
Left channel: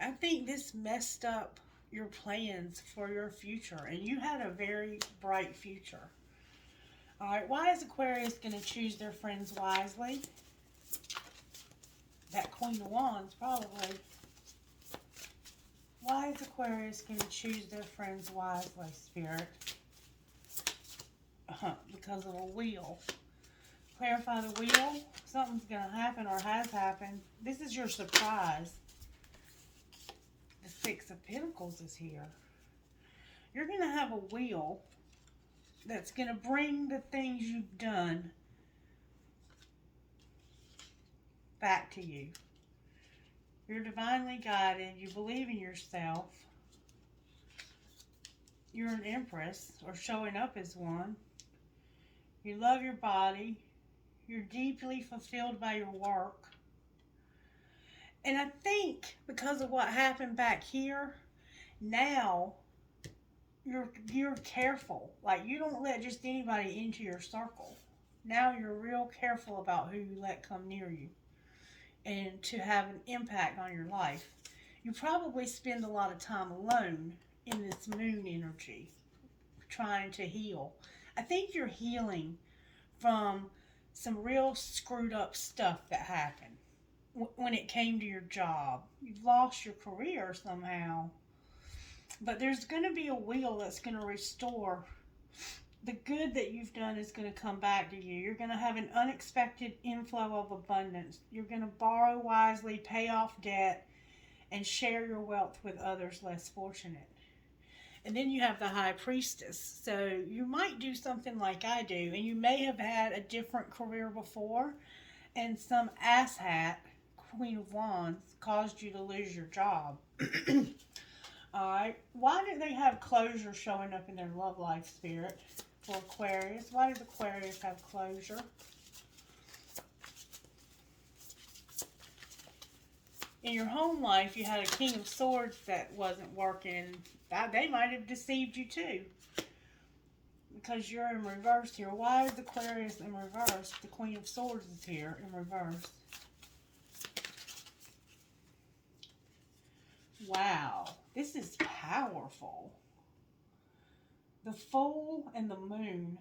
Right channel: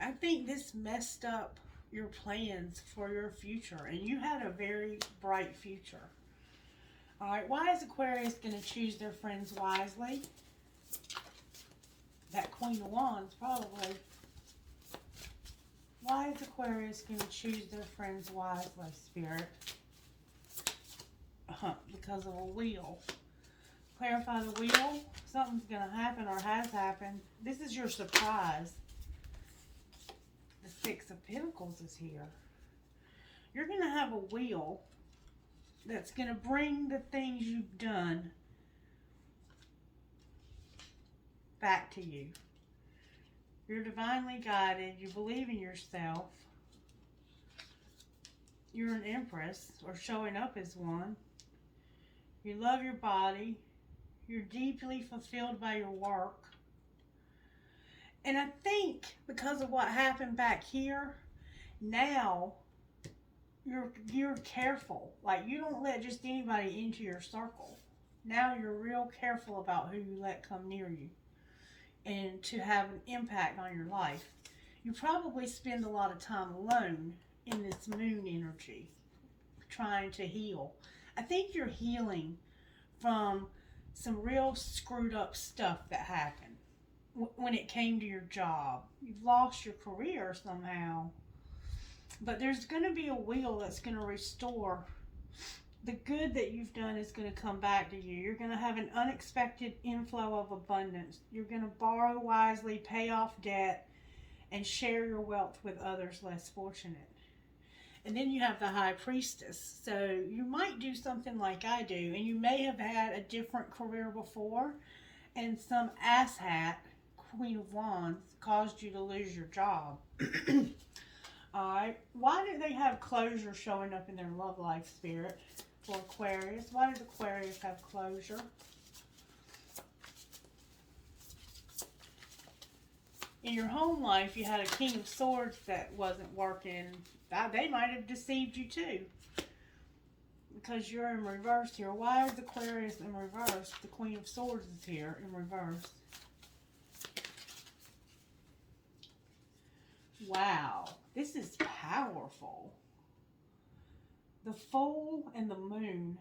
I think this messed up your plans for your future, and you had a very bright future. All right, why is Aquarius going to choose their friends wisely? That Queen of Wands, probably. Why is Aquarius going to choose their friends wisely, Spirit? Because of a wheel. Clarify the wheel. Something's going to happen or has happened. This is your surprise. The 6 of Pentacles is here. You're going to have a wheel that's going to bring the things you've done back to you. You're divinely guided. You believe in yourself. You're an Empress, or showing up as one. You love your body. You're deeply fulfilled by your work. And I think because of what happened back here, now you're careful. Like, you don't let just anybody into your circle. Now you're real careful about who you let come near you and to have an impact on your life. You probably spend a lot of time alone in this moon energy, trying to heal. I think you're healing from some real screwed up stuff that happened. When it came to your job, you've lost your career somehow, but there's going to be a wheel that's going to restore the good that you've done. Is going to come back to you. You're going to have an unexpected inflow of abundance. You're going to borrow wisely, pay off debt, and share your wealth with others less fortunate. And then you have the High Priestess. So you might do something like I do, and you may have had a different career before, and some asshat, Queen of Wands, caused you to lose your job. Alright, why did they have closure showing up in their love life, Spirit, for Aquarius? Why did Aquarius have closure? In your home life, you had a King of Swords that wasn't working. They might have deceived you too, because you're in reverse here. Why is Aquarius in reverse? The Queen of Swords is here in reverse. Wow, this is powerful. The Fool and the Moon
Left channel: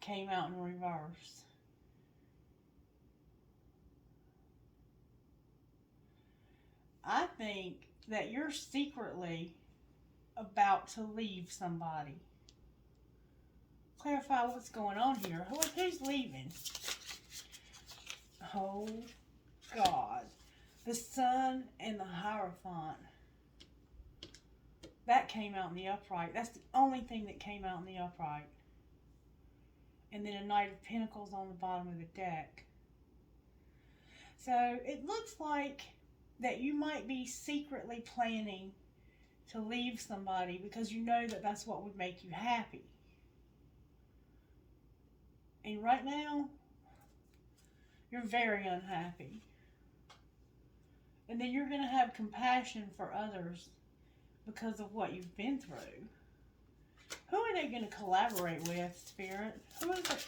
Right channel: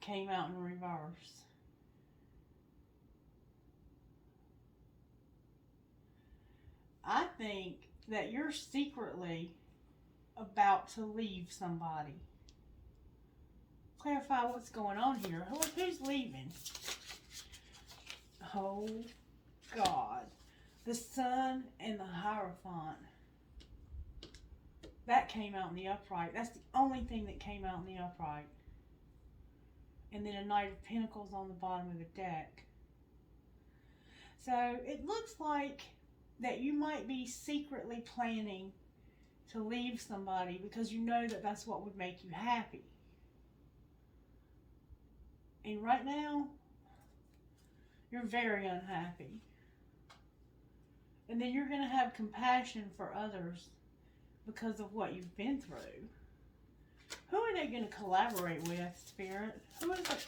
came out in reverse. I think that you're secretly about to leave somebody. Clarify what's going on here. Who's leaving? Oh, God. The Sun and the Hierophant. That came out in the upright. That's the only thing that came out in the upright. And then a Knight of Pentacles on the bottom of the deck. So it looks like that you might be secretly planning to leave somebody because you know that that's what would make you happy. And right now, you're very unhappy. And then you're going to have compassion for others because of what you've been through. Who are they going to collaborate with, Spirit? Who is it?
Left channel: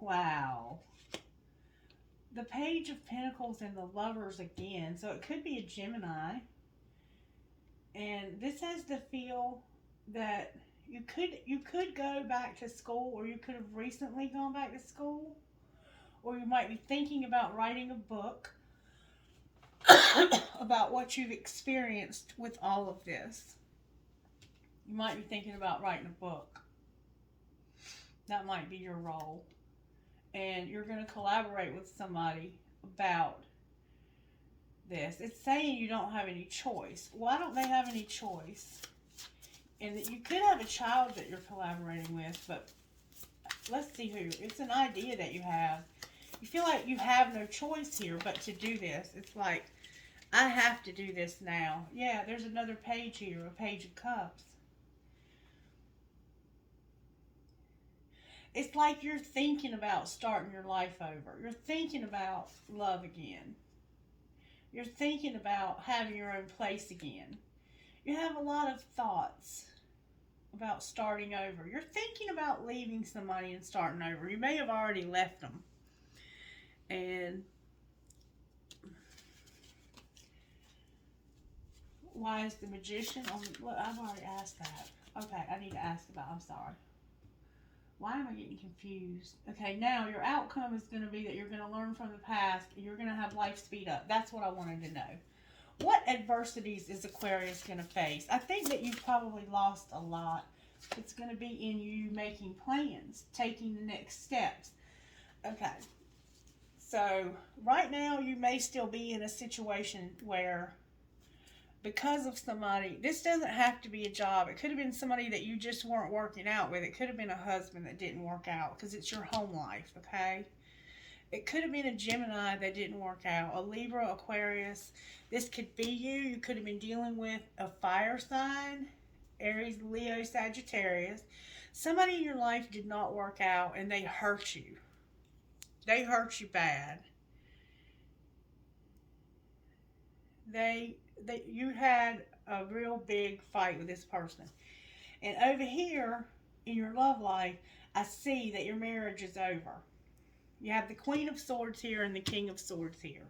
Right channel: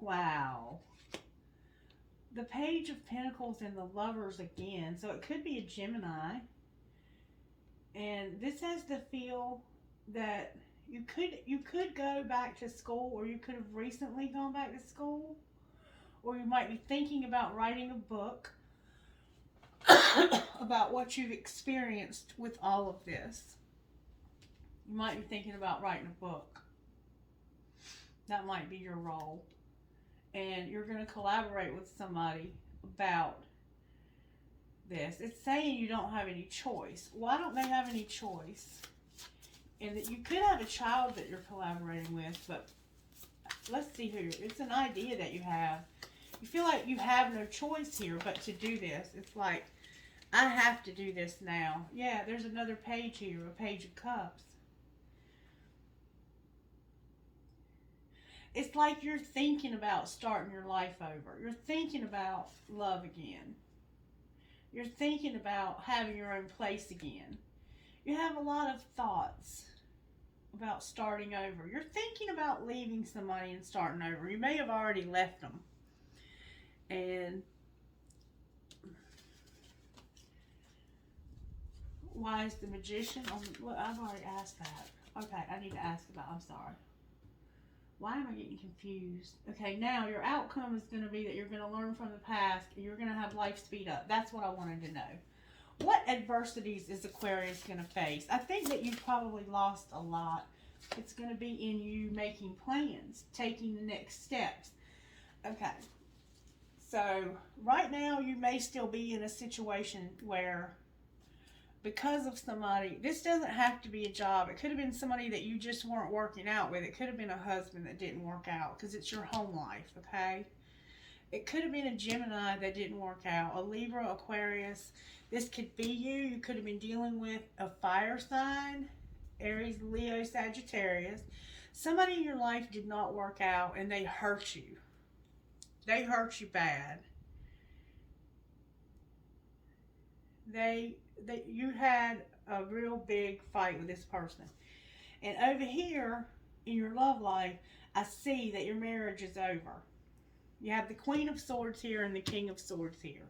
Wow. The Page of Pentacles and the Lovers again. So it could be a Gemini. And this has the feel that you could go back to school, or you could have recently gone back to school, or you might be thinking about writing a book about what you've experienced with all of this. You might be thinking about writing a book. That might be your role. And you're going to collaborate with somebody about this. It's saying you don't have any choice. Why don't they have any choice? And that you could have a child that you're collaborating with, but let's see who. It's an idea that you have. You feel like you have no choice here but to do this. It's like, I have to do this now. Yeah, there's another page here, a Page of Cups. It's like you're thinking about starting your life over. You're thinking about love again. You're thinking about having your own place again. You have a lot of thoughts about starting over. You're thinking about leaving somebody and starting over. You may have already left them. And why is the Magician on? Look, I've already asked that. Okay, I need to ask about. I'm sorry. Why am I getting confused? Okay, now your outcome is going to be that you're going to learn from the past and you're going to have life speed up. That's what I wanted to know. What adversities is Aquarius going to face? I think that you've probably lost a lot. It's going to be in you making plans, taking the next steps. Okay. So right now you may still be in a situation where, because of somebody, this doesn't have to be a job. It could have been somebody that you just weren't working out with. It could have been a husband that didn't work out because it's your home life, okay? It could have been a Gemini that didn't work out, a Libra, Aquarius. This could be you. You could have been dealing with a fire sign, Aries, Leo, Sagittarius. Somebody in your life did not work out and they hurt you. They hurt you bad. You had a real big fight with this person. And over here in your love life, I see that your marriage is over. You have the Queen of Swords here and the King of Swords here.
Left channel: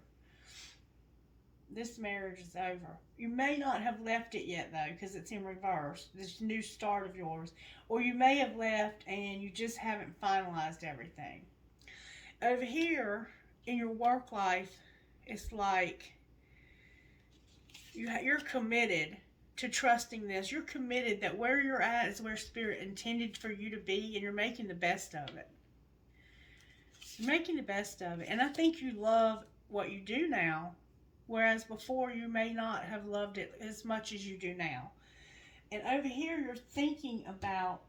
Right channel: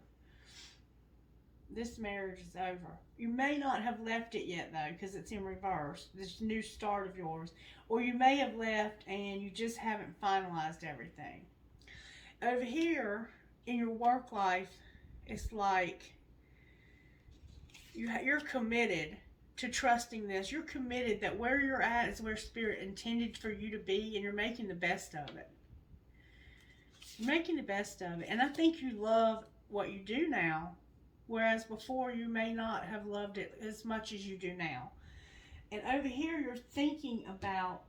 This marriage is over. You may not have left it yet, though, because it's in reverse, this new start of yours. Or you may have left and you just haven't finalized everything. Over here in your work life, it's like you're committed to trusting this. You're committed that where you're at is where Spirit intended for you to be, and you're making the best of it. You're making the best of it. And I think you love what you do now, whereas before you may not have loved it as much as you do now. And over here, you're thinking about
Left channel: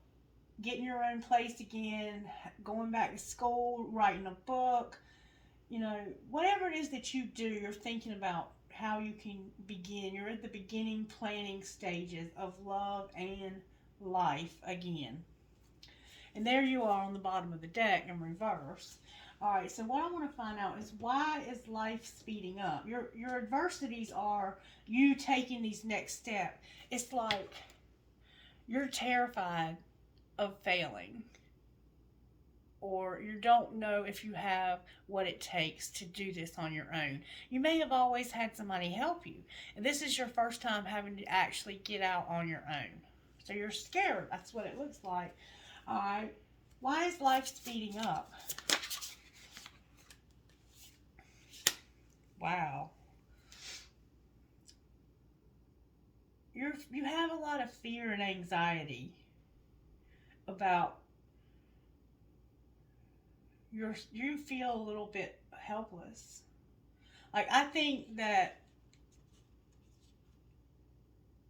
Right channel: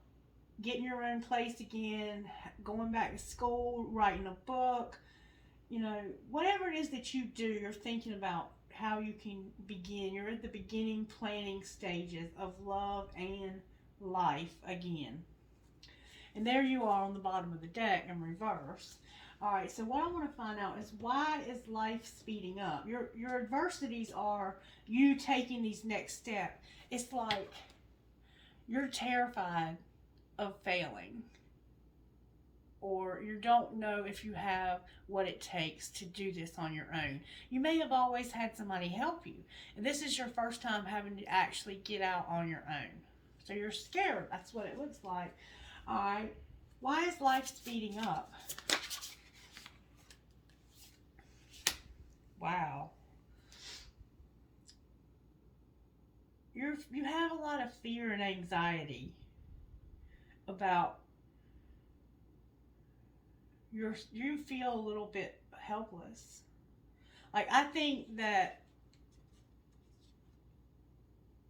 getting your own place again, going back to school, writing a book, whatever it is that you do, you're thinking about how you can begin. You're at the beginning planning stages of love and life again. And there you are on the bottom of the deck in reverse. All right, so what I want to find out is, why is life speeding up? Your adversities are you taking these next steps. It's like you're terrified of failing. or you don't know if you have what it takes to do this on your own. You may have always had somebody help you, and this is your first time having to actually get out on your own. So you're scared. That's what it looks like. All right. Why is life speeding up? Wow. You have a lot of fear and anxiety about you feel a little bit helpless. Like I think that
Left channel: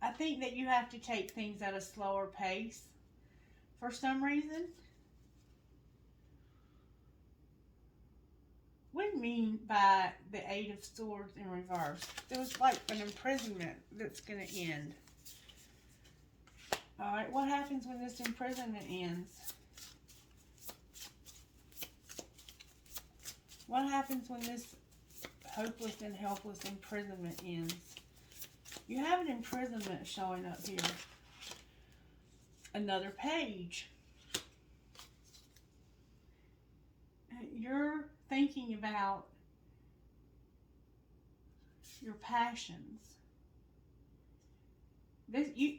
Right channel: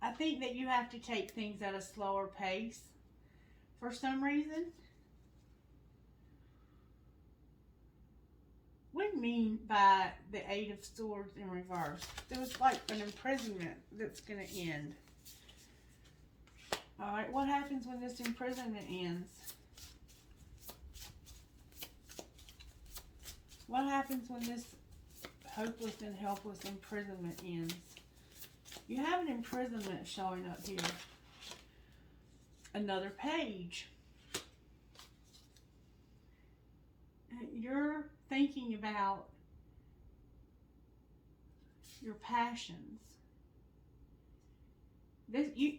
you have to take things at a slower pace for some reason. What do you mean by the Eight of Swords in reverse? There was like an imprisonment that's going to end. Alright, what happens when this imprisonment ends? What happens when this hopeless and helpless imprisonment ends? You have an imprisonment showing up here. Another page. You're thinking about your passions.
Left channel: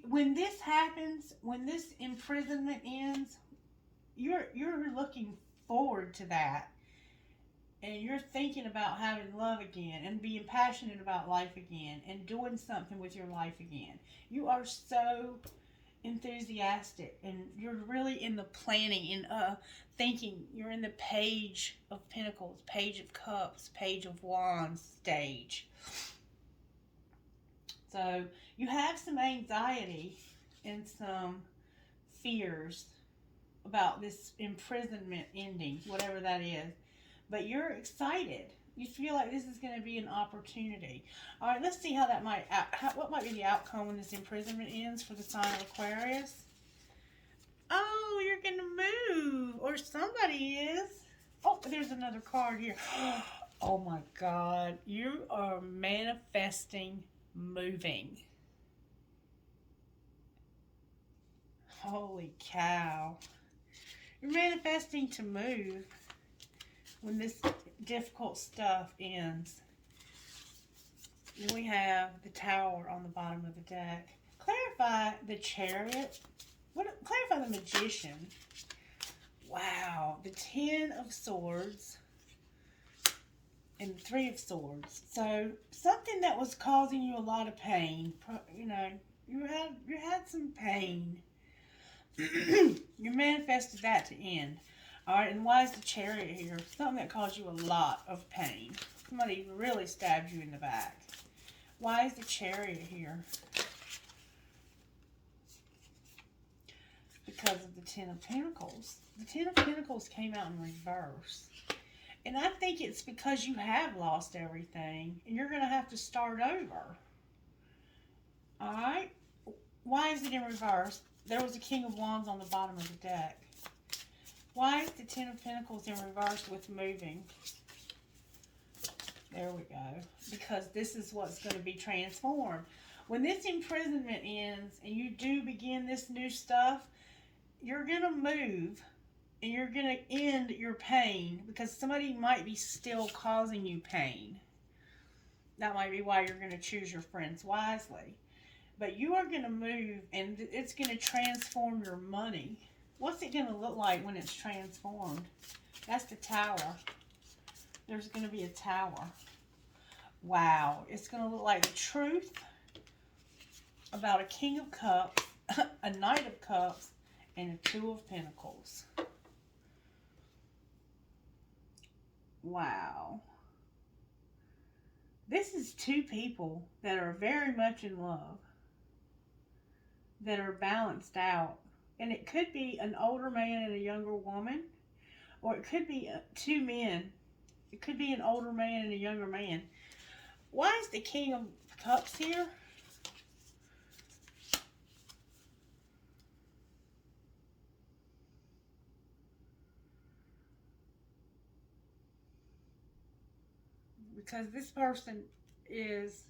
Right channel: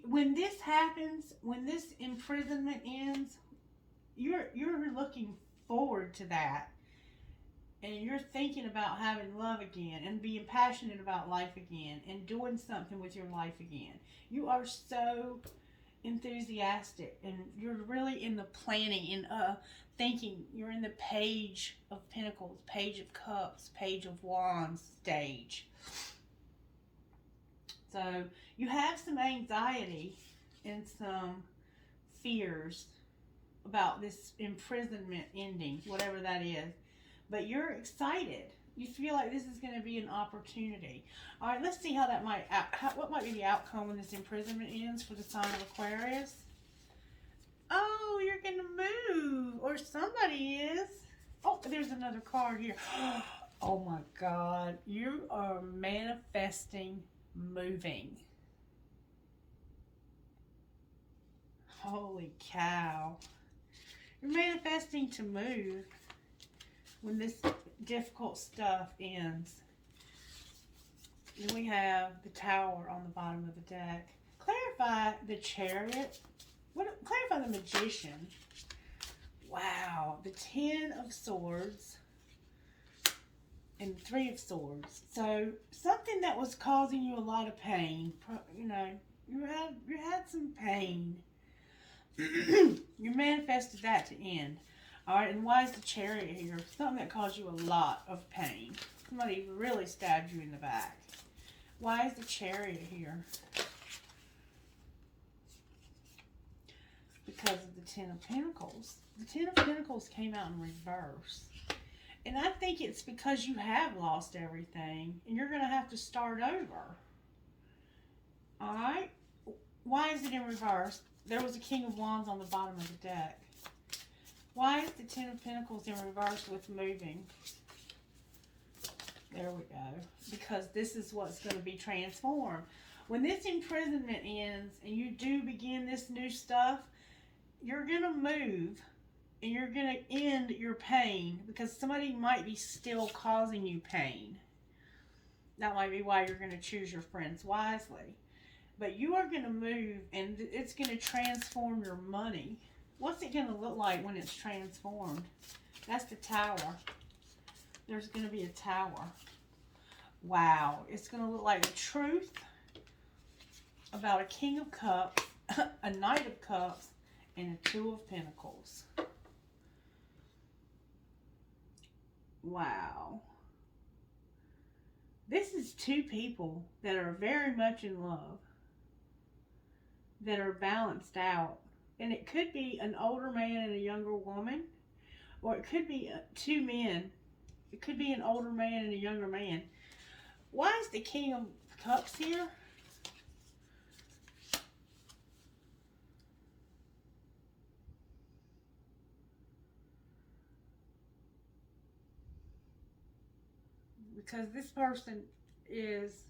When this happens, when this imprisonment ends, you're looking forward to that. And you're thinking about having love again and being passionate about life again and doing something with your life again. You are so enthusiastic and you're really in the planning and thinking. You're in the Page of Pentacles, Page of Cups, Page of Wands stage. So you have some anxiety and some fears about this imprisonment ending, whatever that is. But you're excited. You feel like this is going to be an opportunity. All right, let's see how that what might be the outcome when this imprisonment ends for the sign of Aquarius. Oh, you're going to move, or somebody is. Oh, there's another card here. Oh my God, you are manifesting moving. Holy cow. You're manifesting to move when this difficult stuff ends. Then we have the Tower on the bottom of the deck. Clarify the Chariot. Clarify the Magician. Wow. The Ten of Swords and the Three of Swords. So something that was causing you a lot of pain. You know, you had some pain. You manifested that to end. Alright, and why is the Chariot here? Something that caused you a lot of pain. Somebody really stabbed you in the back. Why is the Chariot here? Because of the Ten of Pentacles. The Ten of Pentacles came out in reverse. And I think it's because you have lost everything. And you're going to have to start over. Alright? Why is it in reverse? There was a King of Wands on the bottom of the deck. Why is the Ten of Pentacles in reverse with moving? There we go. Because this is what's going to be transformed. When this imprisonment ends and you do begin this new stuff, you're going to move and you're going to end your pain because somebody might be still causing you pain. That might be why you're going to choose your friends wisely. But you are going to move and it's going to transform your money. What's it going to look like when it's transformed? That's the Tower. There's going to be a Tower. Wow. It's going to look like the truth about a King of Cups, a Knight of Cups, and a Two of Pentacles. Wow. This is two people that are very much in love, that are balanced out. And it could be an older man and a younger woman. Or it could be two men. It could be an older man and a younger man. Why is the King of Cups here? Because this person is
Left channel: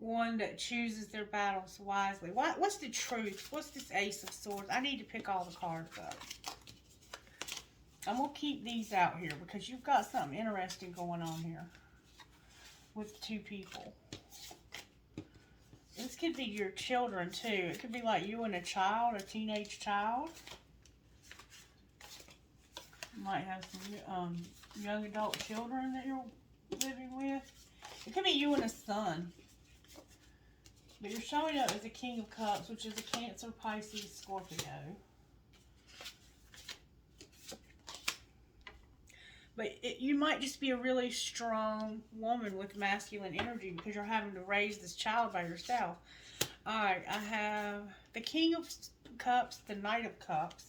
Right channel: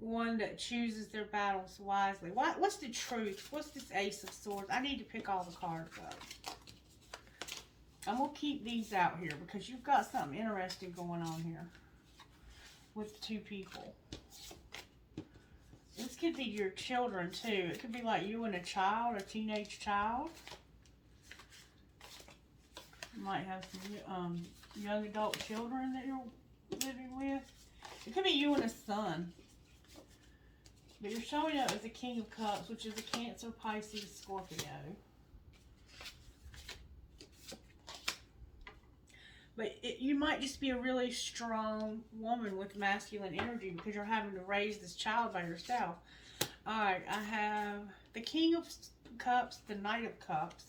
one that chooses their battles wisely. What's the truth? What's this Ace of Swords? I need to pick all the cards up. I'm going to keep these out here because you've got something interesting going on here with two people. This could be your children too. It could be like you and a child, a teenage child. You might have some young adult children that you're living with. It could be you and a son. But you're showing up as the King of Cups, which is a Cancer, Pisces, Scorpio. But you might just be a really strong woman with masculine energy because you're having to raise this child by yourself. Alright, I have the King of Cups, the Knight of Cups.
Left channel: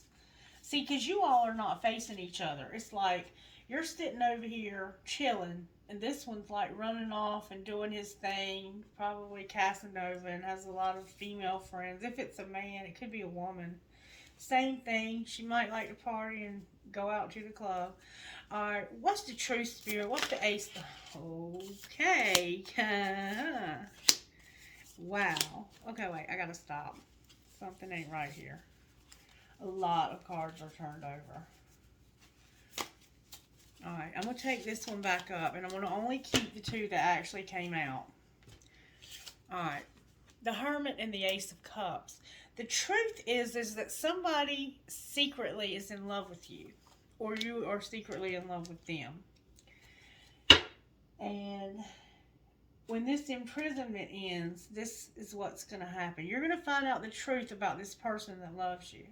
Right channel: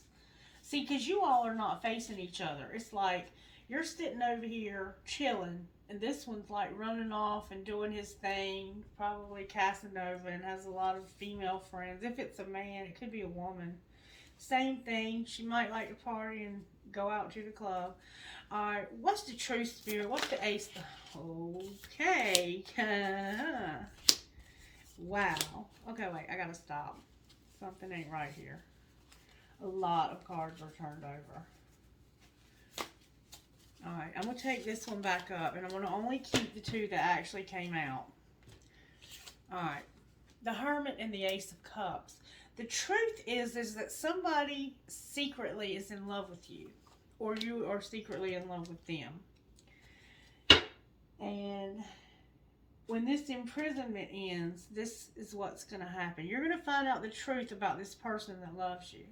See, because you all are not facing each other. It's like you're sitting over here chilling, and this one's like running off and doing his thing, probably Casanova, and has a lot of female friends. If it's a man, it could be a woman. Same thing. She might like to party and go out to the club. Alright, what's the truth, Spirit? What's the ace? Okay. Wow. Okay, wait. I gotta stop. Something ain't right here. A lot of cards are turned over. Alright, I'm going to take this one back up, and I'm going to only keep the two that actually came out. Alright, the Hermit and the Ace of Cups. The truth is that somebody secretly is in love with you. Or you are secretly in love with them. And when this imprisonment ends, this is what's going to happen. You're going to find out the truth about this person that loves you.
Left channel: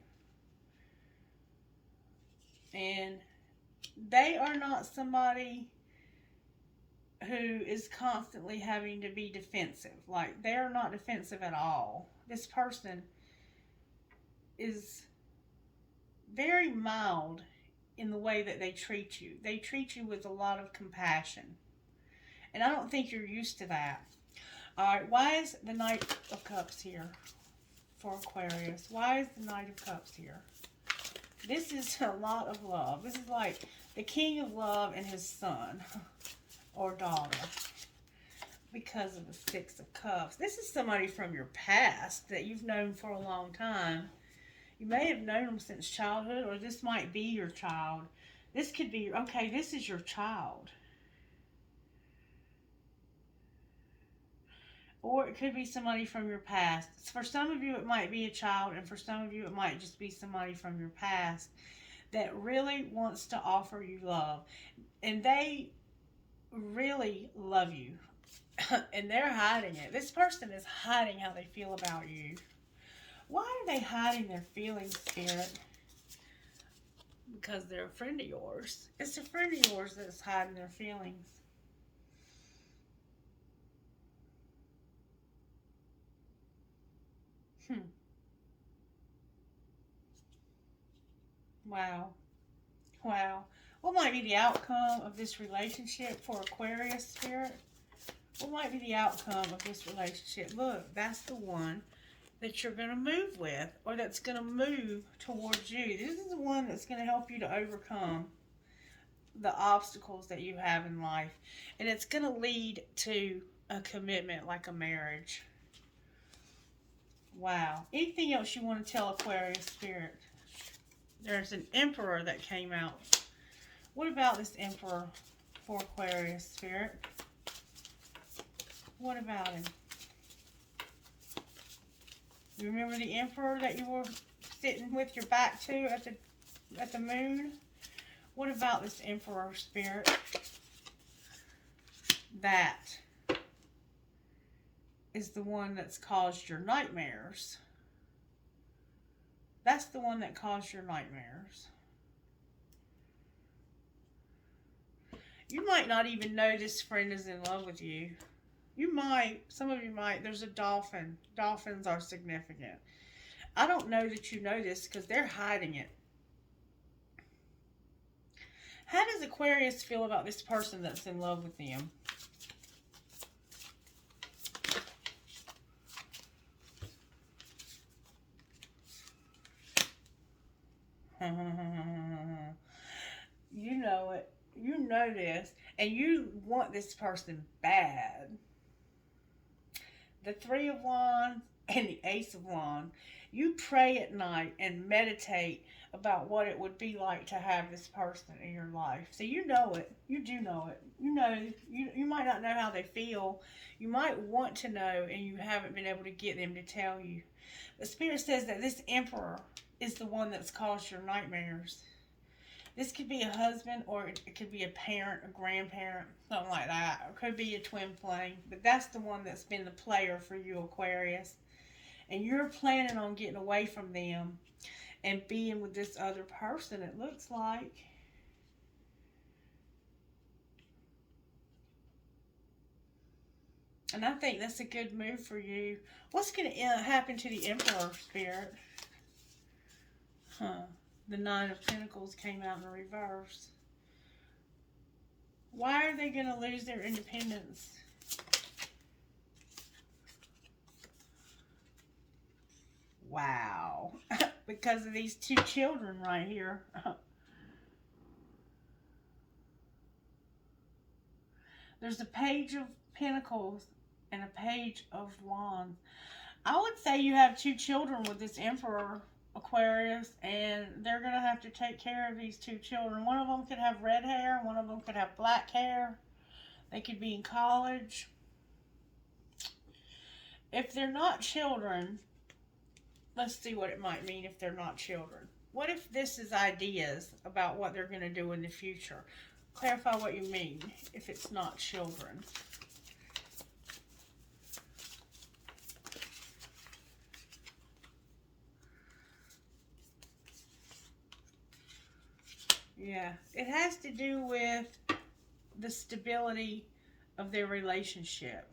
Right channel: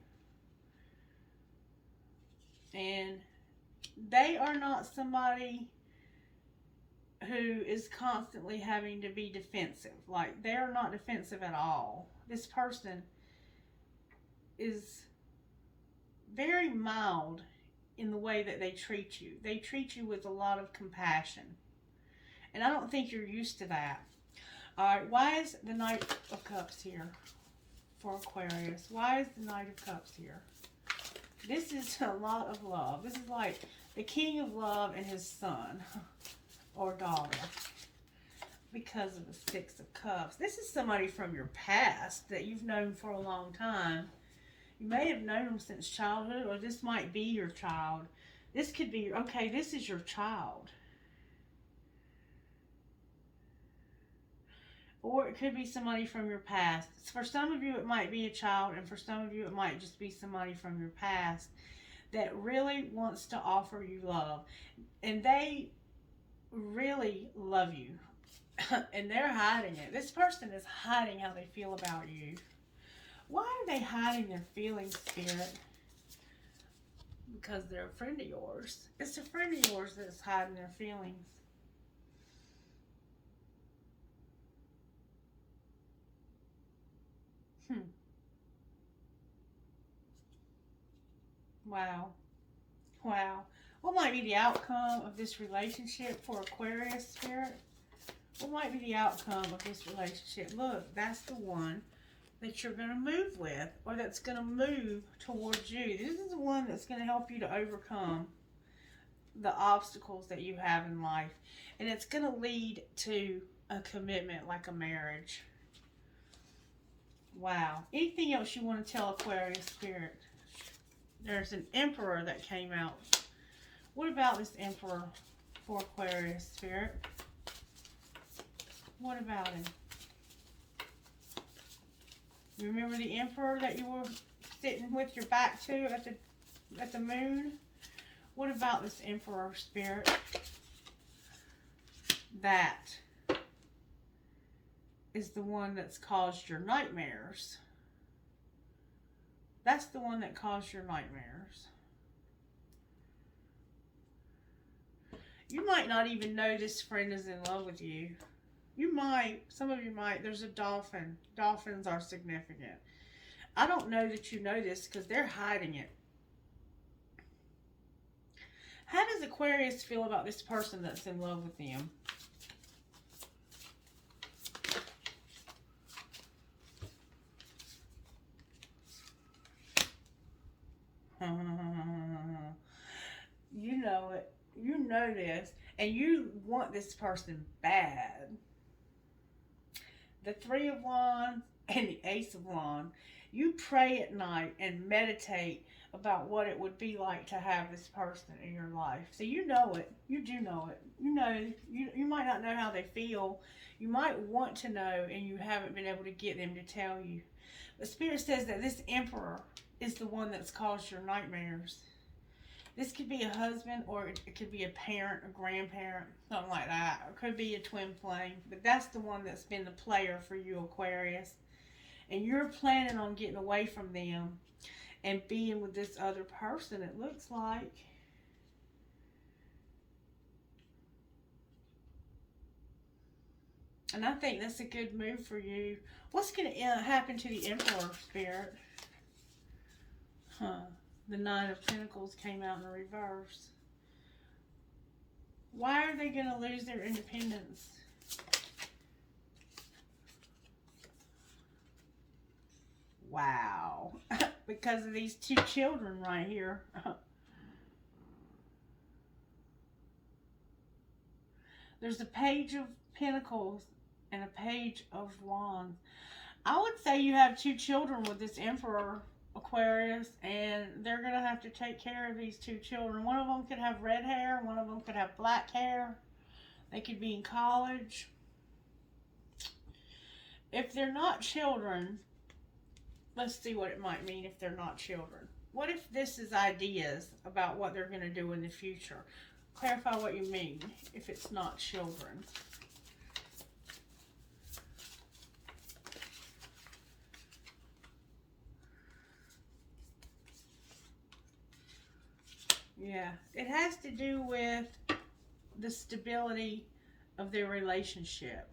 And they are not somebody who is constantly having to be defensive. Like, they are not defensive at all. This person is very mild in the way that they treat you. They treat you with a lot of compassion. And I don't think you're used to that. Alright, why is the Knight of Cups here for Aquarius? Why is the Knight of Cups here? This is a lot of love. This is like the King of Love and his son or daughter. Because of the Six of Cups. This is somebody from your past that you've known for a long time. You may have known them since childhood, or this might be your child. This could be, okay, this is your child. Or it could be somebody from your past. For some of you, it might be a child, and for some of you, it might just be somebody from your past that really wants to offer you love. And they really love you. And they're hiding it. This person is hiding how they feel about you. Why are they hiding their feelings, Spirit? Because they're a friend of yours. It's a friend of yours that's hiding their feelings. Wow. Wow. What might be the outcome of this relationship for Aquarius, Spirit? What might be the outcome of this relationship? Look, that's the one that you're going to move with, or that's going to move towards you. This is the one that's going to help you to overcome the obstacles that you have in life. And it's going to lead to a commitment, like a marriage. Wow. Anything else you want to tell Aquarius, Spirit? There's an Emperor that came out. What about this Emperor for Aquarius, Spirit? What about him? Remember the Emperor that you were sitting with your back to at the moon? What about this Emperor, Spirit? That is the one that's caused your nightmares. That's the one that caused your nightmares. You might not even know this friend is in love with you. You might, some of you might. There's a dolphin. Dolphins are significant. I don't know that you know this because they're hiding it. How does Aquarius feel about this person that's in love with them? You know it. You know this. And you want this person bad. The Three of Wands and the Ace of Wands. You pray at night and meditate about what it would be like to have this person in your life. So you know it. You do know it. You know, you might not know how they feel. You might want to know, and you haven't been able to get them to tell you. The Spirit says that this Emperor is the one that's caused your nightmares. This could be a husband, or it could be a parent, a grandparent, something like that. Or it could be a twin flame. But that's the one that's been the player for you, Aquarius. And you're planning on getting away from them and being with this other person, it looks like. And I think that's a good move for you. What's going to happen to the Emperor, Spirit? The Nine of Pentacles came out in reverse. Why are they going to lose their independence? Wow. Because of these two children right here. There's a Page of Pentacles and a Page of Wands. I would say you have two children with this Emperor, Aquarius, and they're going to have to take care of these two children. One of them could have red hair, one of them could have black hair. They could be in college. If they're not children, let's see what it might mean if they're not children. What if this is ideas about what they're going to do in the future? Clarify what you mean if it's not children. Yeah, it has to do with the stability of their relationship.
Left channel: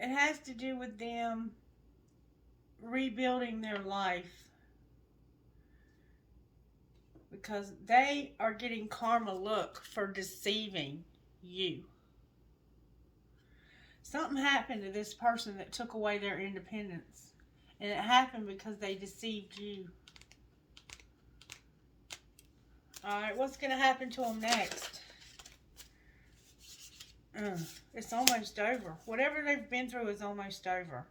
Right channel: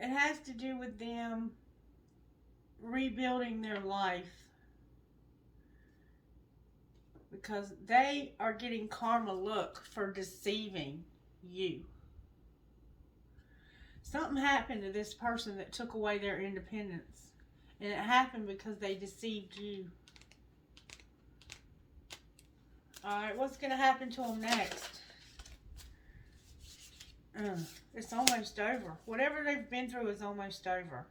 It has to do with them rebuilding their life, because they are getting karma look for deceiving you. Something happened to this person that took away their independence, and it happened because they deceived you. Alright, what's going to happen to them next? It's almost over. Whatever they've been through is almost over.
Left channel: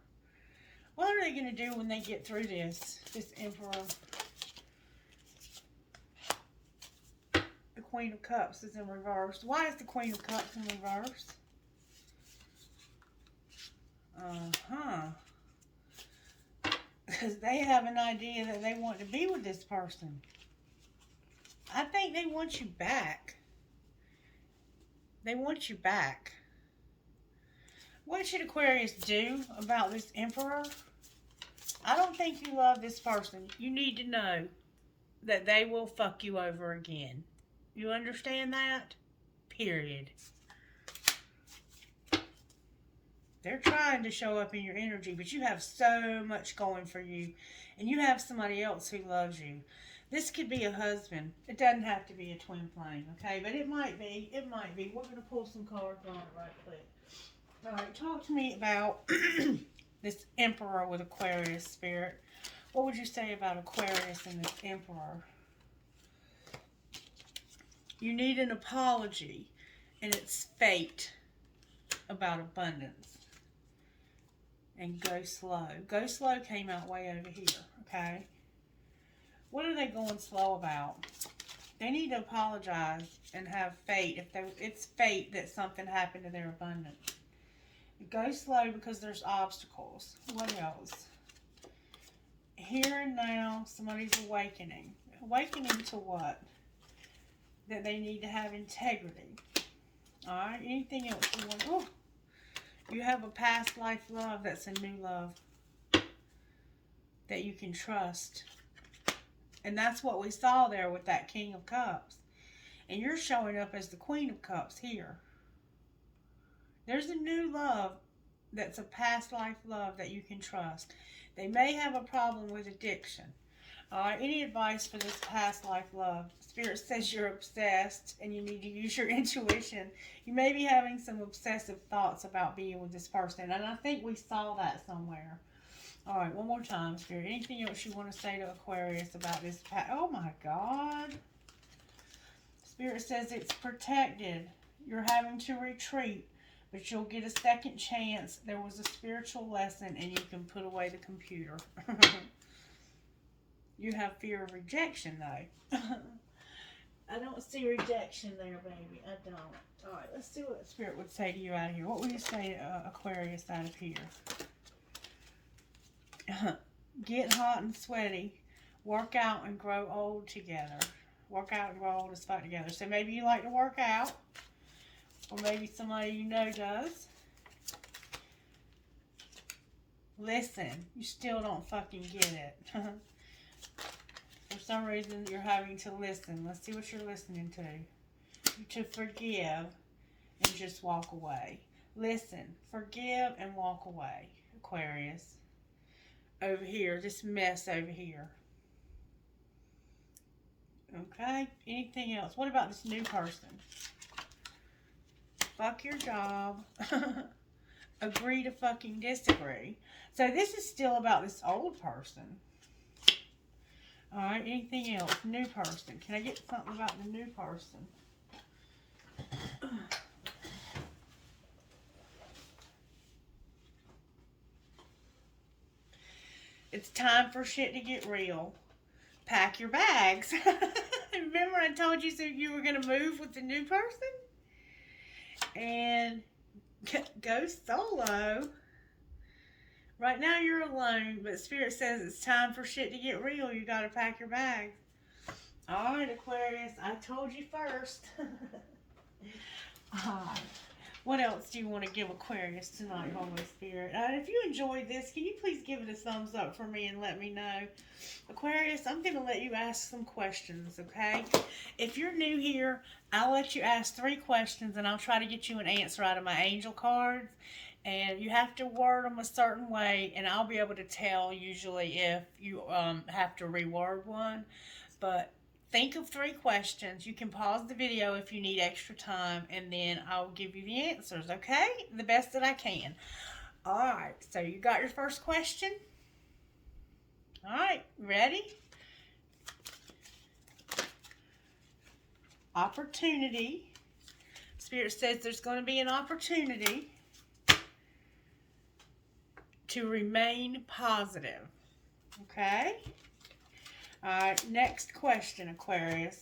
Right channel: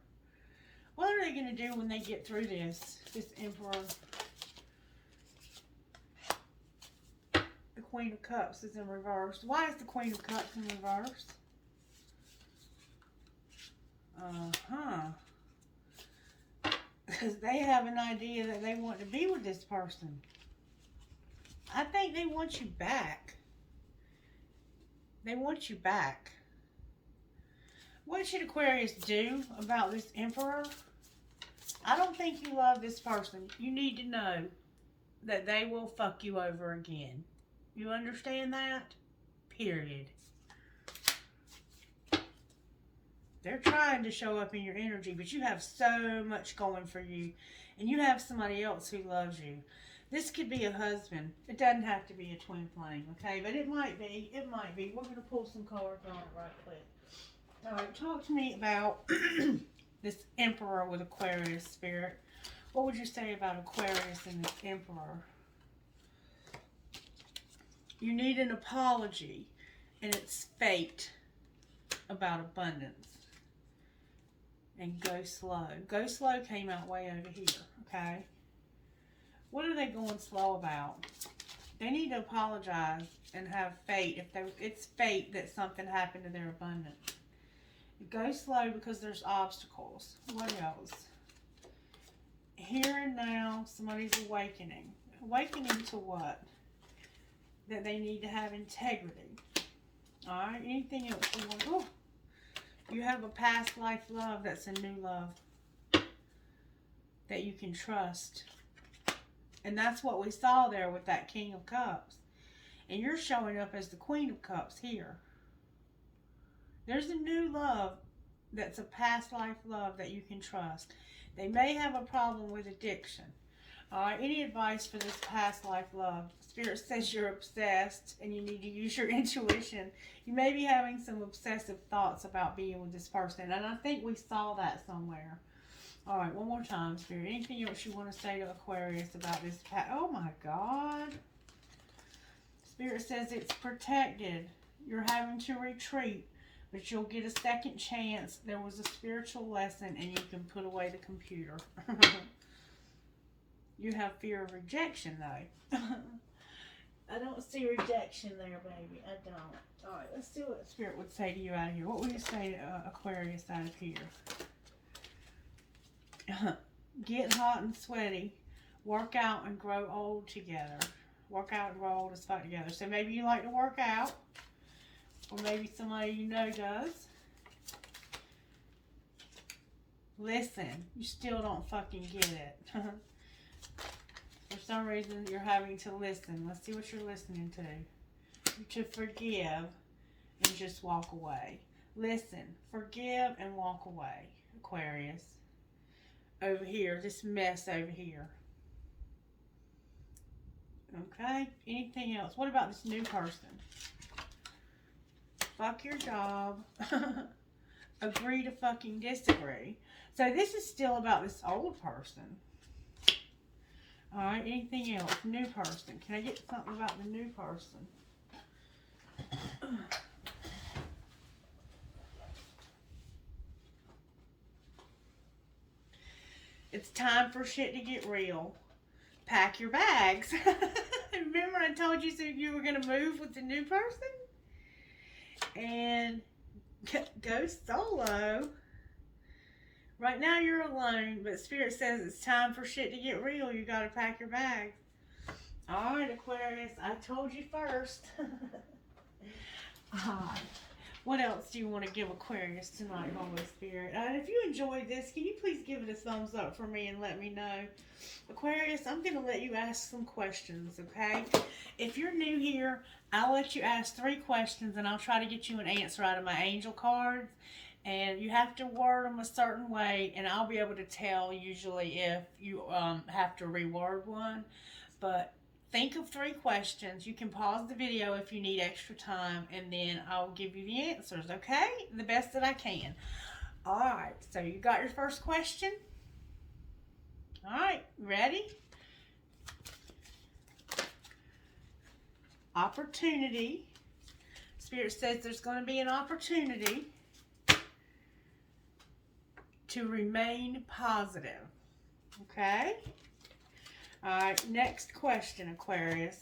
What are they going to do when they get through this Emperor? The Queen of Cups is in reverse. Why is the Queen of Cups in reverse? Because they have an idea that they want to be with this person. I think they want you back. They want you back. What should Aquarius do about this Emperor? I don't think you love this person. You need to know that they will fuck you over again. You understand that? Period. They're trying to show up in your energy, but you have so much going for you. And you have somebody else who loves you. This could be a husband. It doesn't have to be a twin flame, okay? But it might be. It might be. We're going to pull some cards on it right quick. All right, talk to me about this Emperor with Aquarius, Spirit. What would you say about Aquarius and this Emperor? You need an apology, and it's fate about abundance. And go slow. Go slow came out way over here, okay? What are they going slow about? They need to apologize and have fate. It's fate that something happened to their abundance. Go slow because there's obstacles. What else? Here and now, somebody's awakening. Awakening to what? That they need to have integrity. Alright, anything else you want? Oh, you have a past life love that's a new love that you can trust. And that's what we saw there with that King of Cups. And you're showing up as the Queen of Cups here. There's a new love that's a past life love that you can trust. They may have a problem with addiction. Any advice for this past life love? Spirit says you're obsessed and you need to use your intuition. You may be having some obsessive thoughts about being with this person. And I think we saw that somewhere. All right, one more time, Spirit. Anything else you want to say to Aquarius about this? Oh, my God. Spirit says it's protected. You're having to retreat, but you'll get a second chance. There was a spiritual lesson, and you can put away the computer. You have fear of rejection, though. I don't see rejection there, baby. I don't. All right, let's see what Spirit would say to you out of here. What would you say to Aquarius out of here? Get hot and sweaty. Work out and grow old together. Work out and grow old as fuck together. So maybe you like to work out. Or maybe somebody you know does. Listen. You still don't fucking get it. For some reason, you're having to listen. Let's see what you're listening to. To forgive and just walk away. Listen. Forgive and walk away. Aquarius. Over here. This mess over here. Okay? Anything else? What about this new person? Fuck your job. Agree to fucking disagree. So this is still about this old person. Alright, anything else? New person. Can I get something about the new person? It's time for shit to get real. Pack your bags. Remember I told you so you were going to move with the new person? And go solo. Right now you're alone, but Spirit says it's time for shit to get real. You got to pack your bags. All right, Aquarius, I told you first. What else do you want to give Aquarius tonight, Holy Spirit? If you enjoyed this, can you please give it a thumbs up for me and let me know? Aquarius, I'm going to let you ask some questions, okay? If you're new here, I'll let you ask 3 questions, and I'll try to get you an answer out of my angel cards. And you have to word them a certain way, and I'll be able to tell usually if you have to reword one. But think of 3 questions. You can pause the video if you need extra time, and then I'll give you the answers, okay? The best that I can. All right, so you got your first question? All right, ready? Opportunity. Spirit says there's going to be an opportunity to remain positive, okay? All right, next question, Aquarius.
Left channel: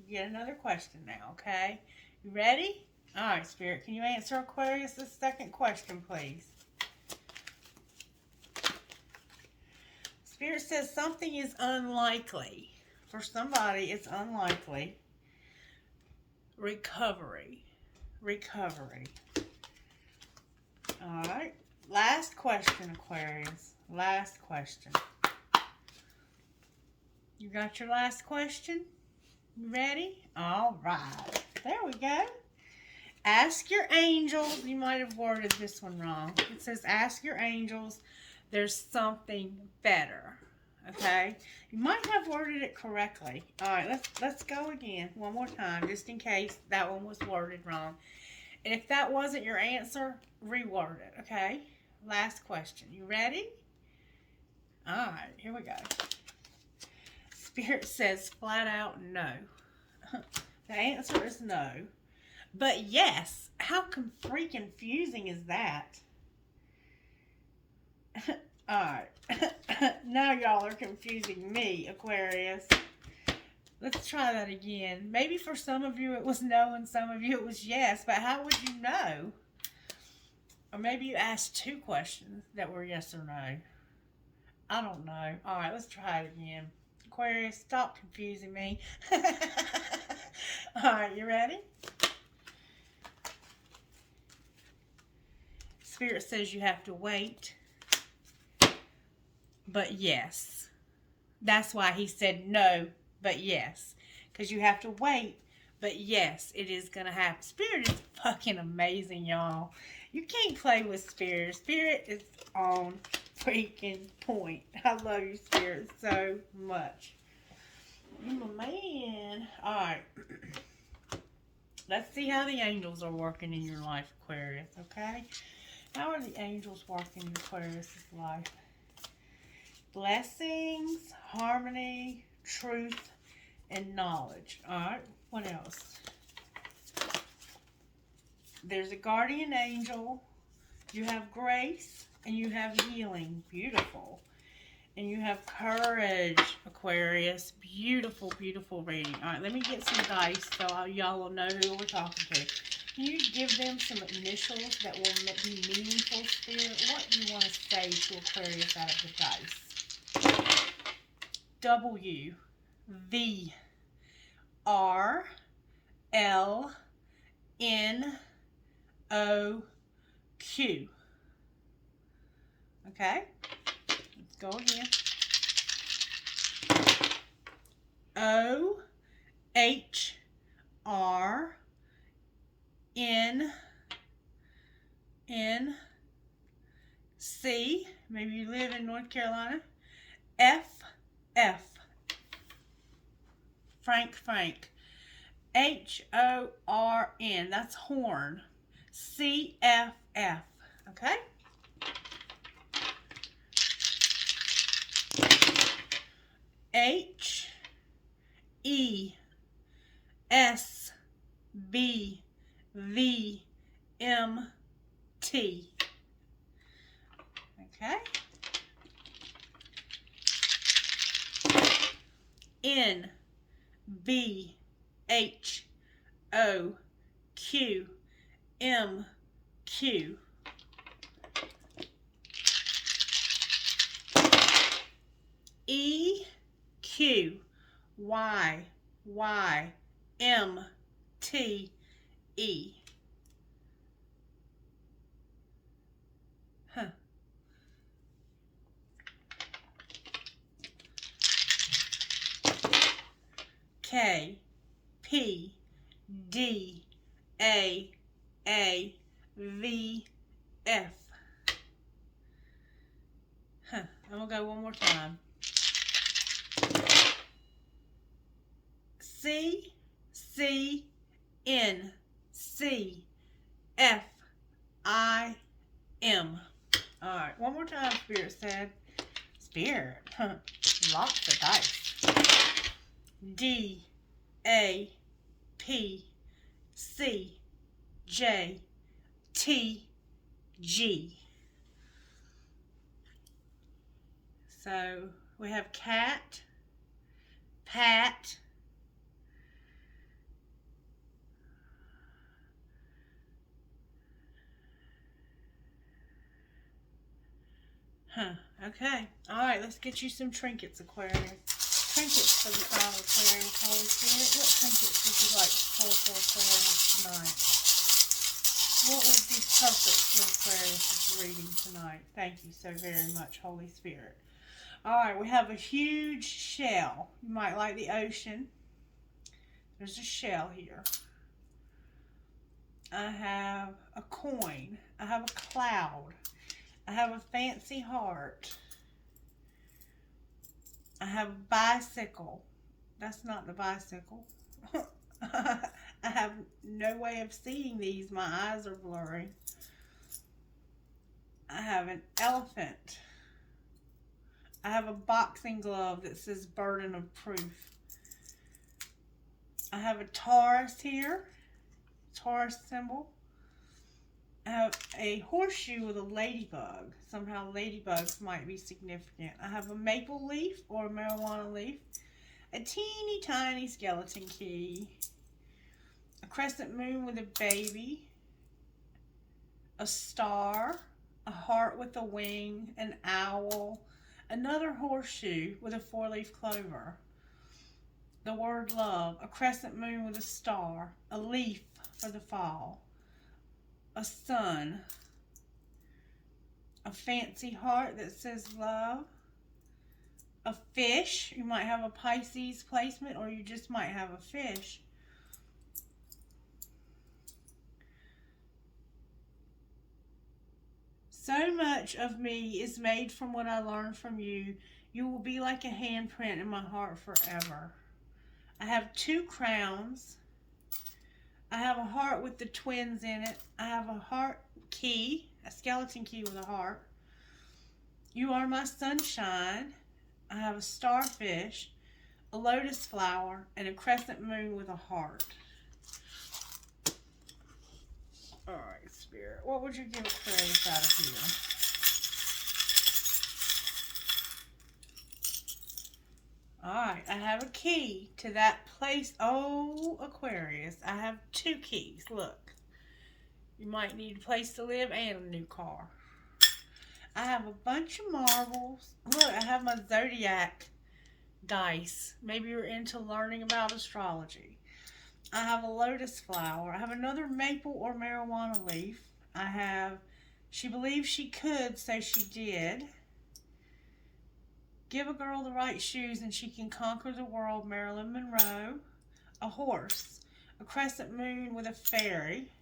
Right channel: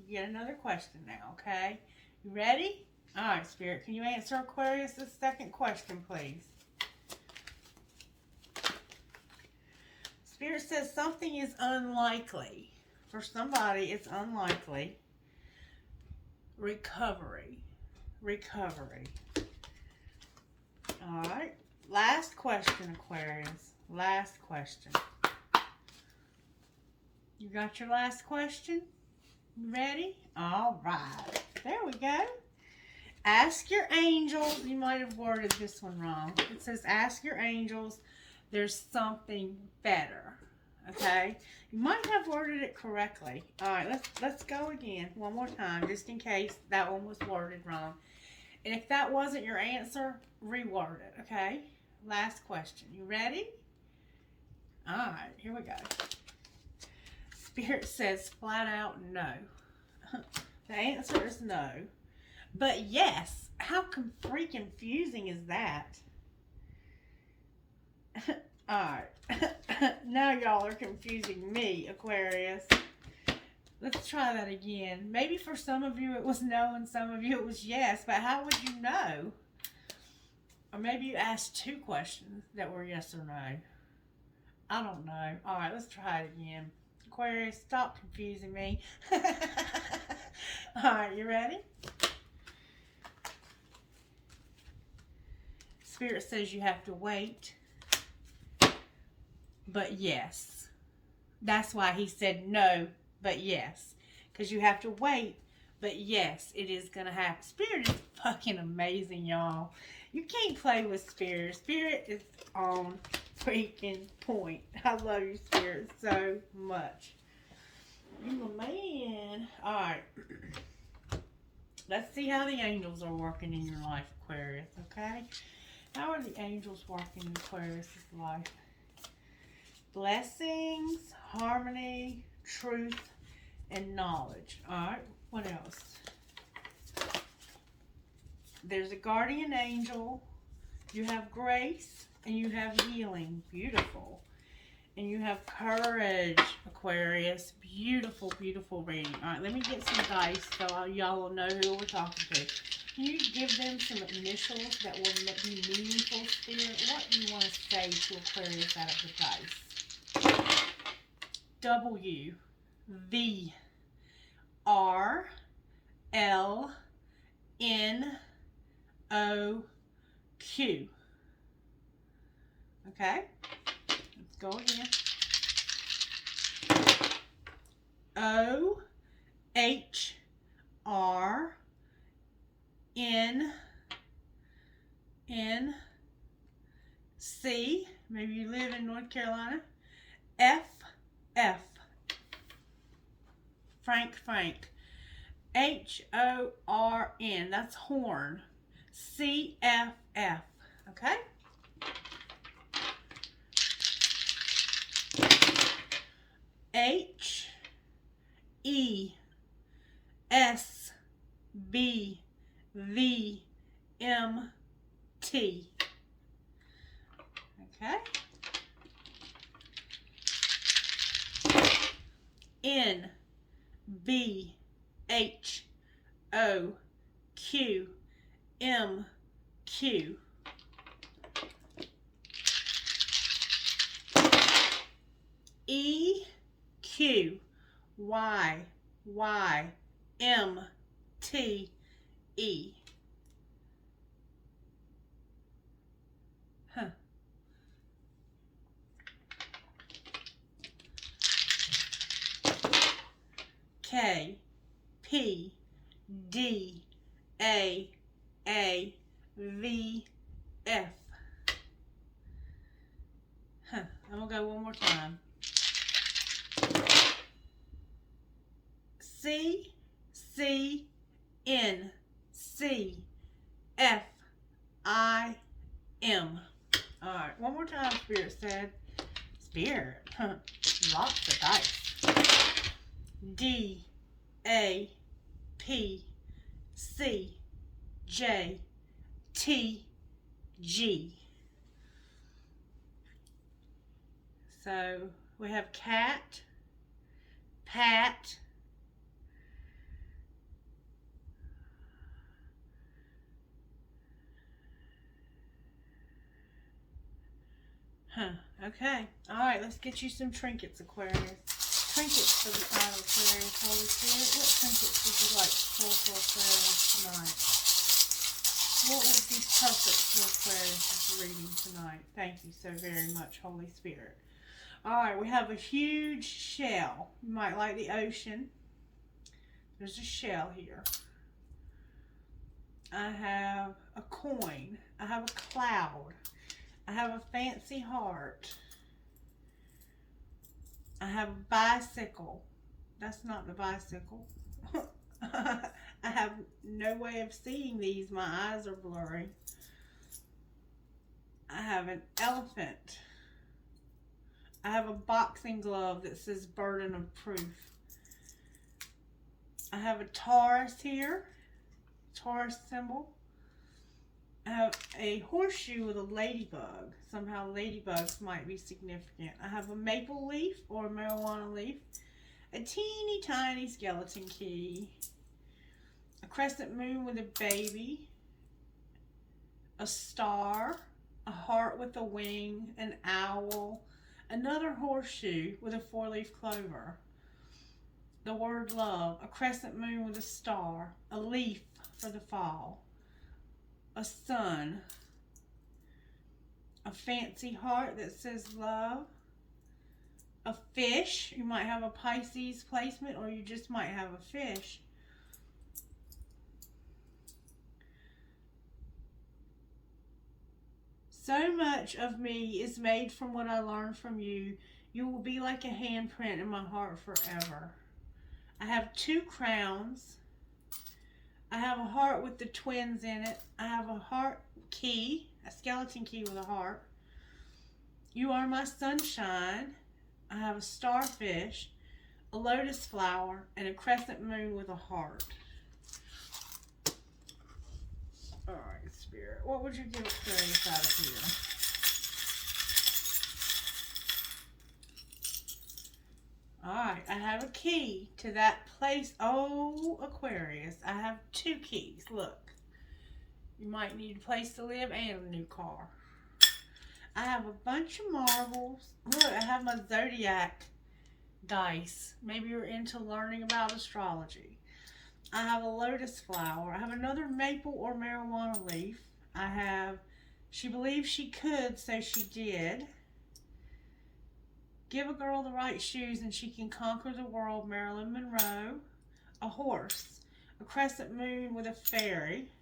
You get another question now, okay? You ready? All right, Spirit, can you answer Aquarius' second question, please? Spirit says something is unlikely. For somebody, it's unlikely. Recovery. Recovery. All right. Last question, Aquarius. Last question. You got your last question? Ready? All right. There we go. Ask your angels. You might have worded this one wrong. It says ask your angels. There's something better. Okay? You might have worded it correctly. All right, let's go again one more time, just in case that one was worded wrong. And if that wasn't your answer, reword it, okay? Last question. You ready? All right, here we go. Spirit says flat out no. The answer is no. But yes, how freaking confusing is that? Alright. Now y'all are confusing me, Aquarius. Let's try that again. Maybe for some of you it was no and some of you it was yes, but how would you know? Or maybe you asked 2 questions that were yes or no. I don't know. Alright, let's try it again. Aquarius, stop confusing me. Alright, you ready? Spirit says you have to wait. But yes. That's why he said no, but yes. Because you have to wait, but yes, it is going to happen. Spirit is fucking amazing, y'all. You can't play with Spirit. Spirit is on freaking point. I love you, Spirit, so much. You're my man. Alright. Let's see how the angels are working in your life, Aquarius, okay? How are the angels working in Aquarius' life? Blessings, harmony, truth, and knowledge. Alright. What else? There's a guardian angel. You have grace and you have healing. Beautiful. And you have courage, Aquarius. Beautiful, beautiful reading. All right, let me get some dice so y'all will know who we're talking to. Can you give them some initials that will be meaningful, Spirit? What do you want to say to Aquarius out of the dice? W, V, R, L, N, O, Q. Okay? Let's go again. O, H, R, N, C. Maybe you live in North Carolina. F, F. Frank. H-O-R-N. That's horn. C-F-F. Okay? H-E-S-B-V-M-T. Okay? N-B-H-O-Q-M-Q. E-Q-Y-Y-M-T-E. Huh. K, P, D, A, V, F. Huh. I'm going to go one more time. C, C, N, C, F, I, M. All right, one more time, Spirit said. Spirit, lots of dice. D, A, P, C, J, T, G. So we have cat, pat, okay. All right, let's get you some trinkets, Aquarius. Trinkets for the Aquarius, Holy Spirit. What trinkets would you like to pull for Aquarius tonight? What would be perfect for Aquarius' reading tonight? Thank you so very much, Holy Spirit. All right, we have a huge shell. You might like the ocean. There's a shell here. I have a coin. I have a cloud. I have a fancy heart. I have a bicycle. That's not the bicycle. I have no way of seeing these. My eyes are blurry. I have an elephant. I have a boxing glove that says burden of proof. I have a Taurus here. Taurus symbol. I have a horseshoe with a ladybug. Somehow ladybugs might be significant. I have a maple leaf or a marijuana leaf. A teeny tiny skeleton key. A crescent moon with a baby. A star. A heart with a wing. An owl. Another horseshoe with a 4-leaf clover. The word love. A crescent moon with a star. A leaf for the fall. A sun, a fancy heart that says love, a fish. You might have a Pisces placement or you just might have a fish. So much of me is made from what I learned from you. You will be like a handprint in my heart forever. I have 2 crowns. I have a heart with the twins in it. I have a heart key, a skeleton key with a heart. You are my sunshine. I have a starfish, a lotus flower, and a crescent moon with a heart. Alright, Spirit. What would you give Aquarius out of here? Alright, I have a key to that place. Oh, Aquarius. I have 2 keys. Look. You might need a place to live and a new car. I have a bunch of marbles. Look, I have my zodiac dice. Maybe you're into learning about astrology. I have a lotus flower. I have another maple or marijuana leaf. I have, she believes she could, so she did. Give a girl the right shoes and she can conquer the world, Marilyn Monroe. A horse. A crescent moon with a fairy.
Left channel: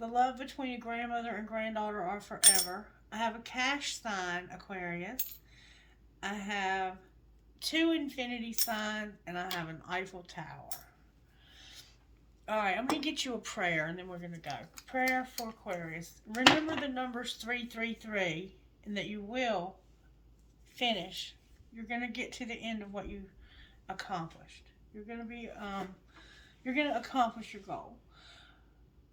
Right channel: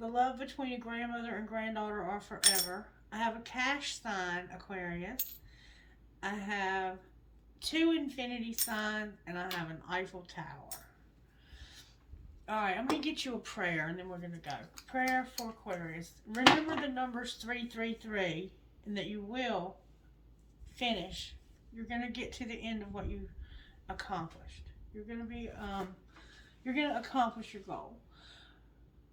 The love between a grandmother and granddaughter are forever. I have a cash sign, Aquarius. I have 2 infinity signs, and I have an Eiffel Tower. Alright, I'm going to get you a prayer, and then we're going to go. Prayer for Aquarius. Remember the numbers 333, and that you will finish. You're going to get to the end of what you accomplished. You're going to accomplish your goal.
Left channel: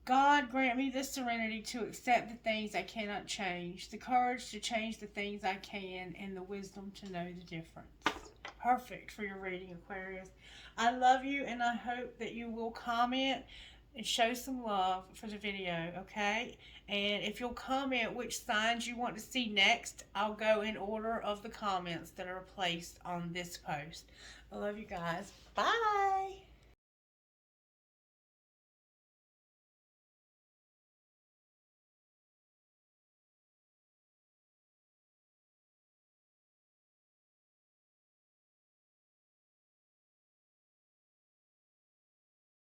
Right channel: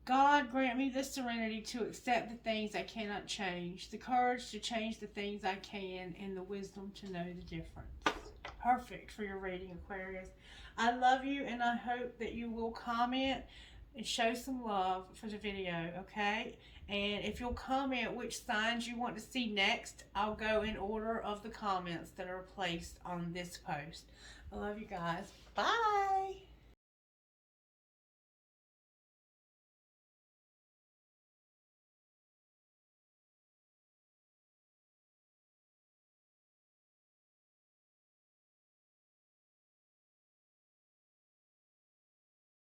God, grant me the serenity to accept the things I cannot change, the courage to change the things I can, and the wisdom to know the difference. Perfect for your reading, Aquarius. I love you, and I hope that you will comment and show some love for the video, okay? And if you'll comment which signs you want to see next, I'll go in order of the comments that are placed on this post. I love you guys. Bye!